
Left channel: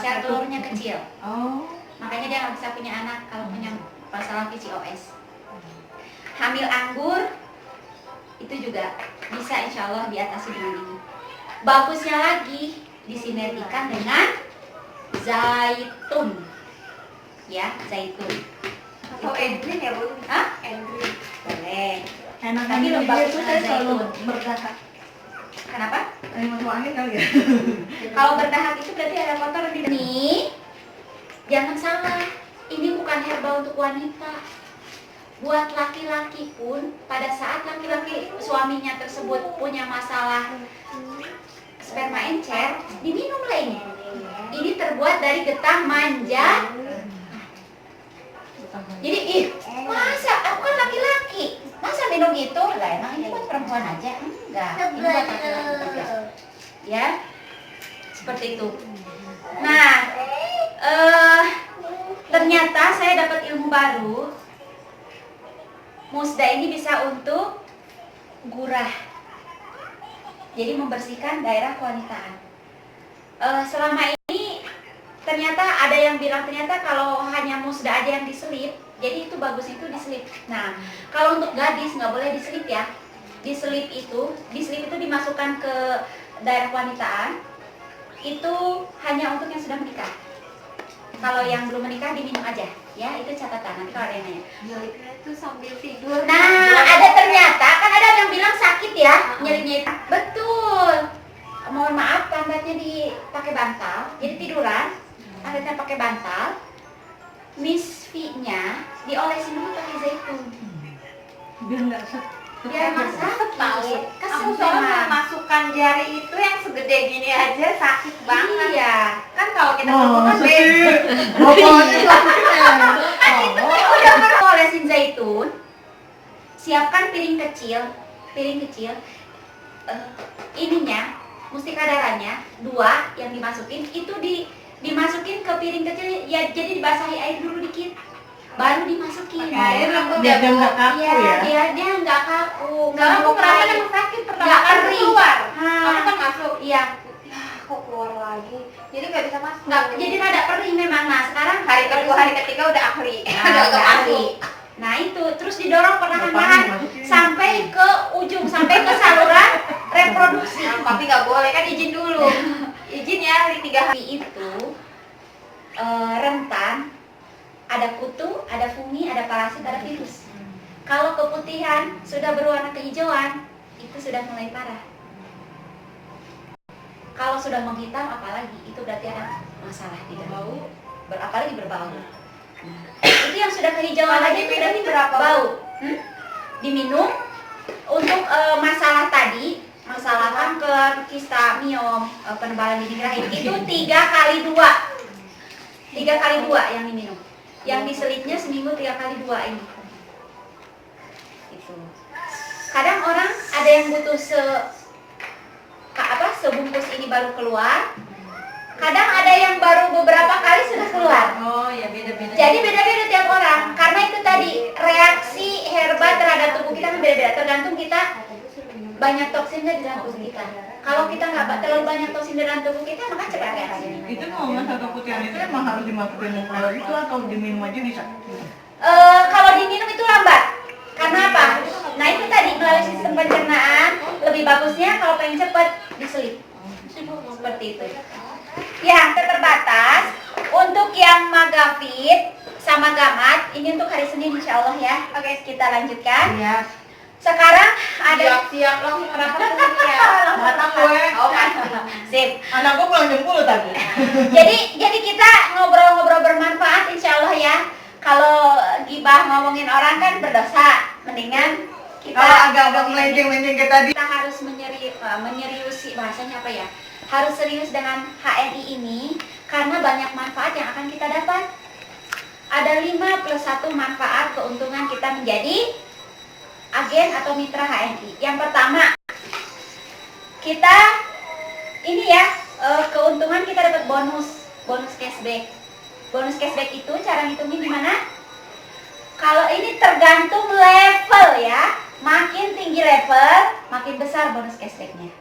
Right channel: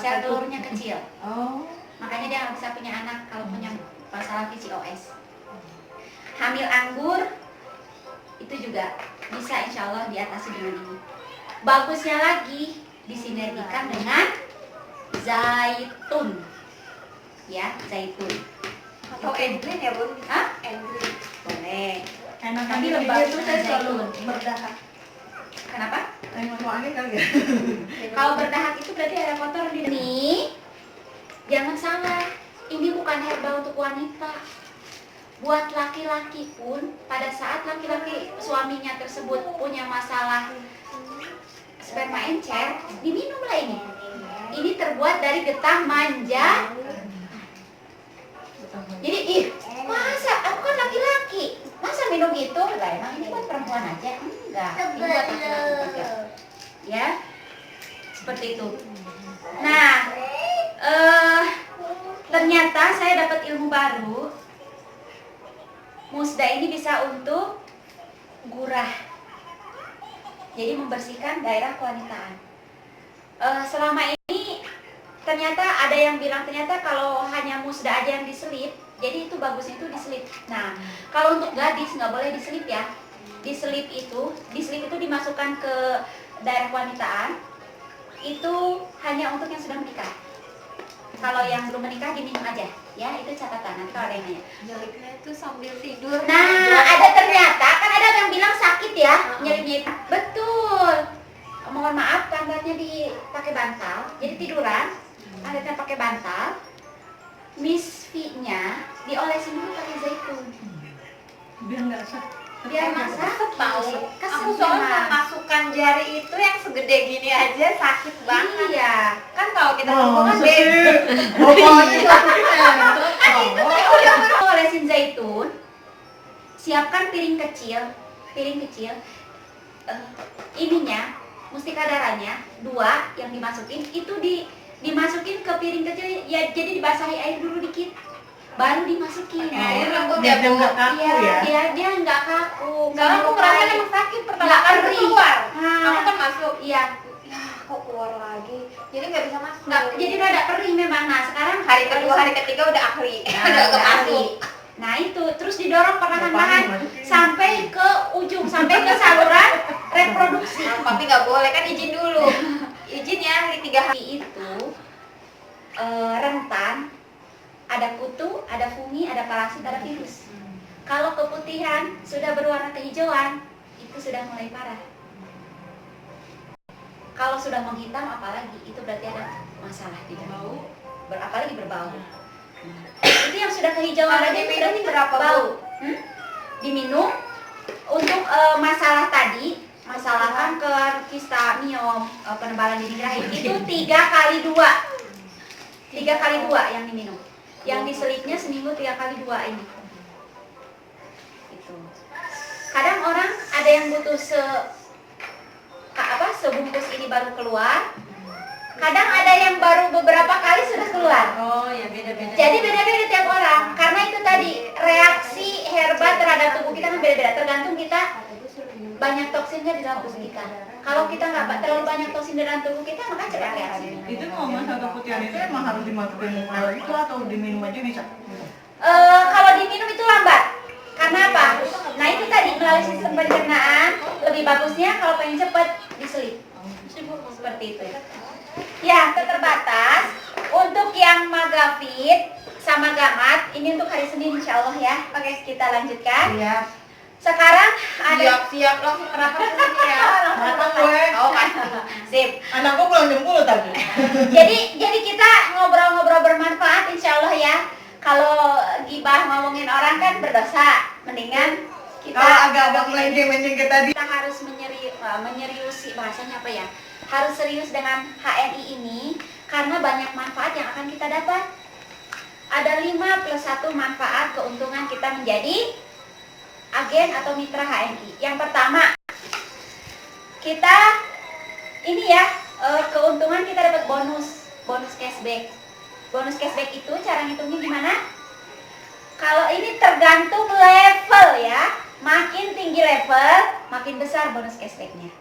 Sel telurnya kecil, Oh. makanya dia nggak bisa punya anak kalau punya masalah PCOS. Hamil anggur itu juga bisa insya Allah diatasi dengan ini. Bagusnya lagi disinergikan dengan zaitun, ya zaitun. Oh, Endrin ya Bu? Hah? Endrin. Boleh. Enak Tapi ini lembab dia tuh saya zaitun. selalu berdahak. Kenapa? Emang aneh kali ya. Kalau berdahak itu berarti ada kotor di ini. Jangan salah, ini bukan herba untuk wanita. buat laki-laki pun pada saat laki-laki suaminya tersebut punya masalah sperma encer, diminumlah ini. Ini terbuat dari getah manja. Jadi masa aku kan laki-laki, masa minum itu? Lah emang ini buat perempuan aja? Enggak, ini buat laki-laki juga. Ya, seperti itu. Nah, ternyata saya dapat ilmu baru. Musda ini bisa untuk gurah, jadi membersihkan daerah kewanitaan. Selama ini ternyata ada yang bilang ternyata kalau hanya musda aja yang diselip, jadi itu bagusnya itu diselip. Nah, kalau untuk gadis nggak boleh diselip ya. Diselip itu dimasukkan ke daerah kewanitaan, itu hanya untuk yang sudah menikah. Kalau yang belum menikah diminum aja, ya itu catatan. Nanti kalau ada yang nanya. Nyelipnya itu sambil tidur. Nah, ada ternyata kan ada yang bilang sakit ya nyelipnya itu. Betul. Mohon maaf, pantatnya dipakai bantal, jadi tiduran, pantatnya pakai bantal. Miss V-nya diolesin dulu pakai zaitun. Biar nggak sakit. Biar nggak sakit. Kesel Aku soalnya memang. masukkan jari itu yang segede gini aja sakit banget. Iya. Kan kalau kita Wah, ngomong kan masa beda. sih? Udah pernah olesin zaitun, siapkan piring kecil, ininya, mustika darahnya 2 yang dimasukin, itu dimasukin ke piring kecil ya, jadi dibasahi air dulu dikit, baru dimasukin. Air rambut Biar dia nggak kaku ya. Dia nggak kaku, nggak Soalnya aku melukai, kemarin emang sakit pertama nggak kali perih. keluar. Nah, Aku kan masuk. iya, Kok keluar lagi? Jadi nggak bisa masuk. nggak, jadi rada perih memang. Nah sekarang hari kedua, hari ketiga udah ahli. Nah, udah ahli. Nah itu terus didorong perlahan-lahan sampai ke ujung, sampai ke saluran reproduksi. Nah, tapi nggak boleh kan izin dulu. Izin ya hari 3 hari. Itu rentan, ada kutu, ada fungi, ada parasit, ada virus. Kalau keputihan sudah berwarna kehijauan, itu sudah mulai parah. Kalau sudah menghitam apalagi, itu berarti ada masalah di dalam. Apalagi berbau. Itu yang sudah kehijauan aja itu berarti berapa bau. Diminum untuk masalah tadi, masalah kanker, kista, miom, penebalan dinding rahim itu 3 kali 2. 3 kali 2 yang diminum. Yang diselipnya seminggu 3 kali 2 ini. Itu. Kadang orang ada yang butuh sebungkus ini baru keluar. Kadang ada yang baru beberapa kali sudah keluar. Oh ya, beda-beda. Jadi beda-beda tiap orang. Karena itu tadi reaksi herba terhadap tubuh kita kan beda-beda. Tergantung kita banyak toksin nggak di dalam tubuh kita. Kalau kita nggak terlalu banyak toksin di dalam tubuh kita, maka cepat reaksi. Itu mau masalah keputihan itu emang harus dimasukin air itu atau diminum aja bisa? Kalau diminum itu lambat. Karena apa? Nah itu tadi melalui sistem pencernaan lebih bagusnya kalau pengen cepat diselip. Seperti itu. Ya, terbatas untuk yang Magafit sama Gamat ini untuk hari Senin insya Allah ya. Oke, kita lanjutkan. Iya. Sekarang ada Siap langsung kenapa sih ya? Kenapa gue? Oh pasti. Sip. Anakku pulang jam 10 tadi. Jadi kita ngobrol-ngobrol bermanfaat insya Allah ya. Kalau gibah ngomongin orang kan berdosa. Mendingan kita Kalau agak-agak melenceng-melenceng kayak tadi. kita harus menyeriusi bahasanya apa ya? Harus serius dengan HNI ini karena banyak manfaat yang akan kita dapat. Ada 5+1 manfaat keuntungan kita menjadi agen atau mitra HNI. Yang pertama, kita ini ya keuntungan kita dapat bonus cashback. Bonus cashback itu cara ngitungnya gimana? Kalau ini tergantung level ya. Makin tinggi level, makin besar bonus cashbacknya.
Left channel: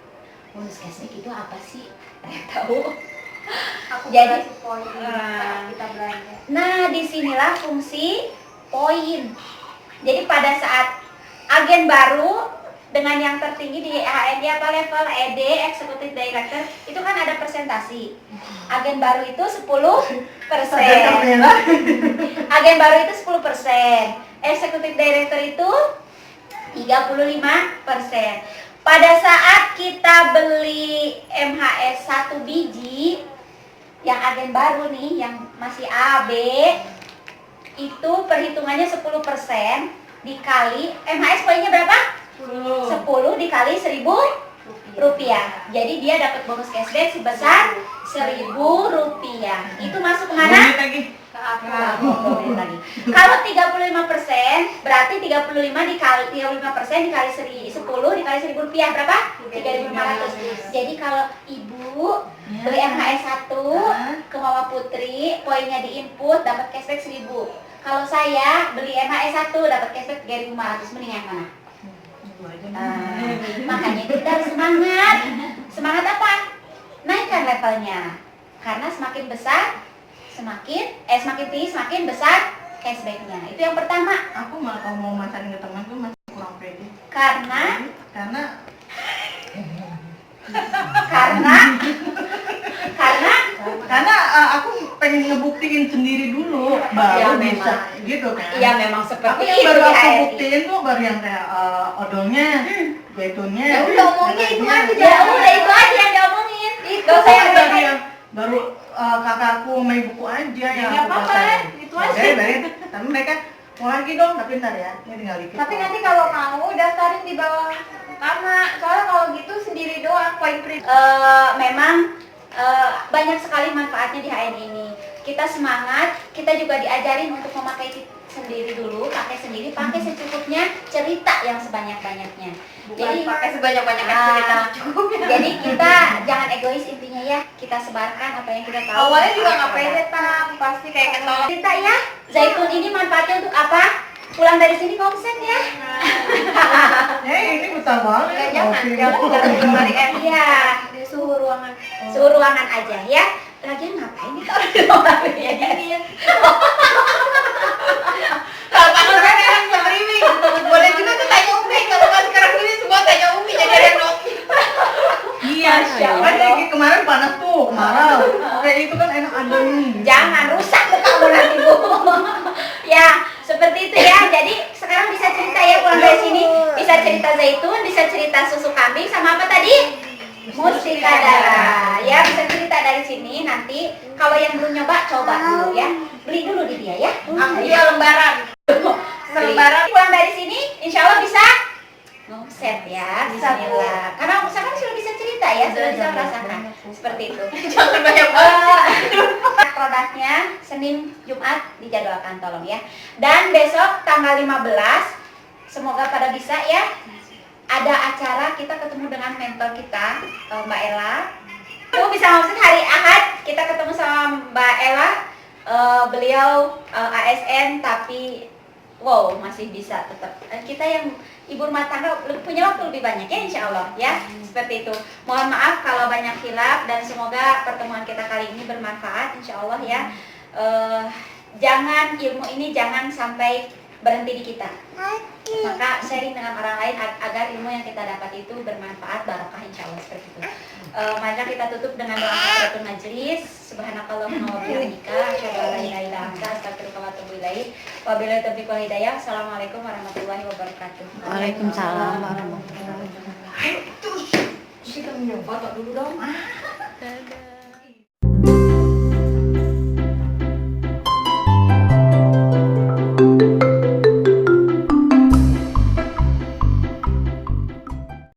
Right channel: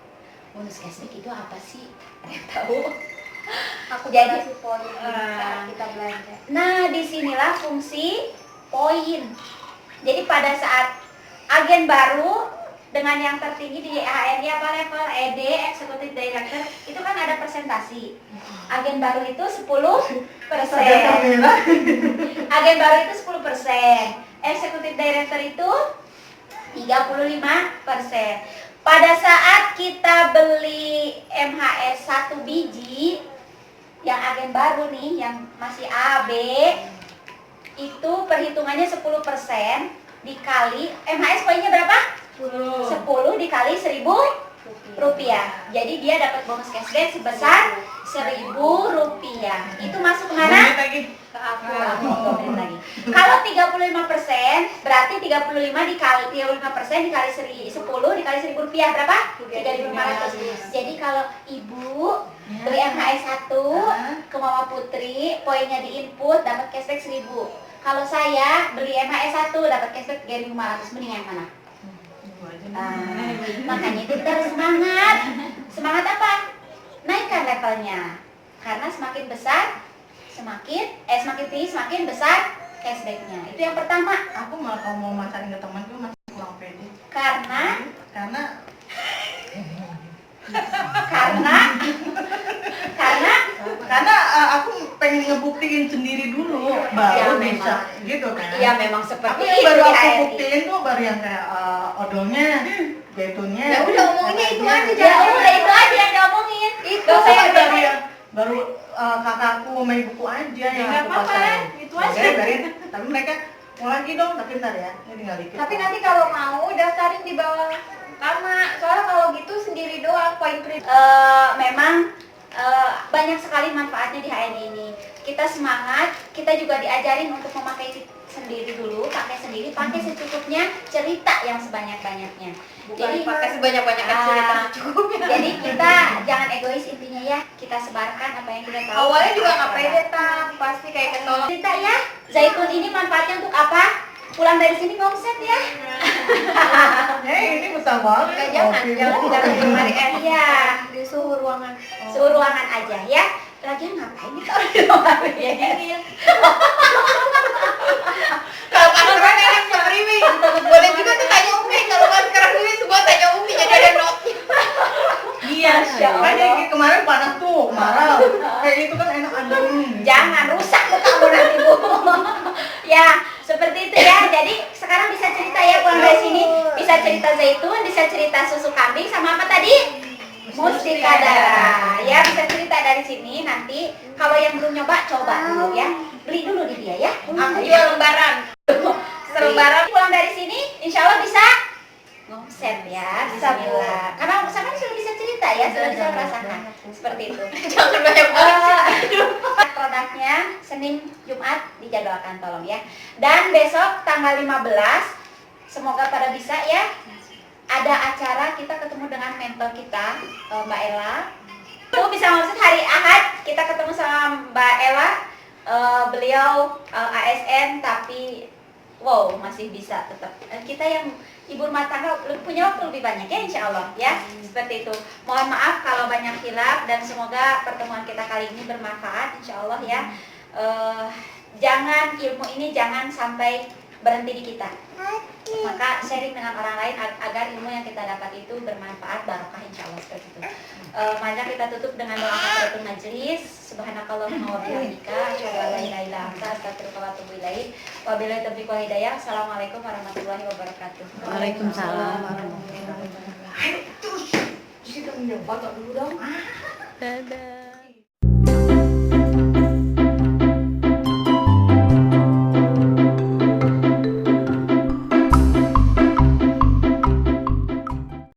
Bonus cashback itu apa sih? Ada tahu? Aku Jadi, kasih poin saat kita belanja. Nah, disinilah fungsi poin. Jadi pada saat agen baru dengan yang tertinggi di HND atau level ED, Executive Director, itu kan ada presentasi. Agen baru itu 10%. Agen baru itu 10%. Executive Director itu 35%. Pada saat kita beli MHS 1 biji yang agen baru nih, yang masih AB, itu perhitungannya 10%. dikali MHS poinnya berapa? 10 dikali 1.000 rupiah. Jadi dia dapat bonus cashback sebesar 1.000 rupiah. Itu masuk kemana? Lagi. Oh, 2 menit lagi. Kalau 35% berarti 35 dikali 35% dikali 10 dikali 1.000 rupiah berapa? 3.500. Jadi kalau ibu beli MHS 1 ke Mama Putri, poinnya diinput dapat cashback 1.000. Kalau saya beli MHS 1 dapat cashback 3.500. Mending yang mana? Makanya itu kita harus semangat. Semangat apa? Naikkan levelnya. Karena semakin besar semakin tinggi semakin besar cashbacknya. Itu yang pertama. Aku malah kalau mau masakin ke temanku masih kurang pede. Karena aku pengen ngebuktiin sendiri dulu Ya, baru bisa memang. gitu kan. Iya memang seperti Tapi yang itu baru di aku HRI. buktiin tuh baru yang kayak odolnya, zaitunnya. Ya udah omongin itu aja. Ya udah itu aja yang diomongin. Gak usah yang baru banyak. yang baru kakakku sama ibuku aja yang Ya, aku apa-apa, pakai. itu Ya, aja. bayarin. Tapi mereka mau lagi dong, tapi ntar ya, ini tinggal dikit. Tapi nanti kalau mau daftarin di bawah Karma. Soalnya kalau gitu sendiri doang poin kredit. Memang banyak sekali manfaatnya di HRI ini. Kita semangat, kita juga diajarin untuk memakai sendiri dulu, pakai sendiri, pakai secukupnya, cerita yang sebanyak-banyaknya. Jadi pakai sebanyak-banyaknya Ah, cerita cukup ya. Jadi kita jangan egois intinya ya, kita sebarkan apa yang kita tahu. Awalnya juga nggak Produk. pede tam, pasti kayak ketolong. Cerita ya, zaitun ini manfaatnya untuk apa? Pulang dari sini omset ya. Ini betah banget. Jangan cari Iya, di suhu ruangan. suhu ruangan aja ya. Lagian ngapain nih kalau di rumah ya? Kalau kan sekarang yang streaming, boleh juga tuh tanya Umi. Kalau kan sekarang ini semua tanya Umi, jadi ada Novi. Iya, Masya kan Allah. kayak kemarin panas tuh, marah. Kayak itu kan enak adem. Jangan rusak mukamu nanti Bu. Ya, seperti itu ya. Jadi sekarang bisa cerita ya pulang dari sini, bisa cerita zaitun, bisa cerita susu kambing sama apa tadi? Mustika darah. Ya, bisa cerita dari sini nanti. Kalau yang belum nyoba, coba dulu ya. Beli dulu di dia ya. Aku dia lembaran. Selembaran pulang dari sini, insya Allah bisa ngomset ya. Bismillah. Karena misalkan sudah bisa cerita ya, sudah bisa merasakan. Seperti itu. Jangan banyak Produknya Senin Jumat dijadwalkan tolong ya. Dan besok tanggal 15 semoga pada bisa ya. Ada acara kita ketemu dengan mentor kita Mbak Ella. Itu bisa maksud hari Ahad kita ketemu sama Mbak Ella. Beliau ASN tapi wow masih bisa tetap. Kita yang ibu rumah tangga punya waktu lebih banyak ya insya Allah ya. Seperti itu. Mohon maaf kalau banyak khilaf dan semoga pertemuan kita kali ini bermanfaat insya Allah ya. Jangan ilmu ini jangan sampai berhenti di kita. Maka sharing dengan orang lain agar ilmu yang kita dapat itu bermanfaat barokah insya Allah seperti itu. Maka kita tutup dengan doa kafaratul majlis. Subhanakallahumma wa bihamdika asyhadu an la ilaha illa anta astaghfiruka wa atubu ilaik. Wabillahi taufiq wal hidayah. Assalamualaikum warahmatullahi wabarakatuh. Waalaikumsalam warahmatullahi wabarakatuh. Terus kita nyoba dulu dong. Dadah.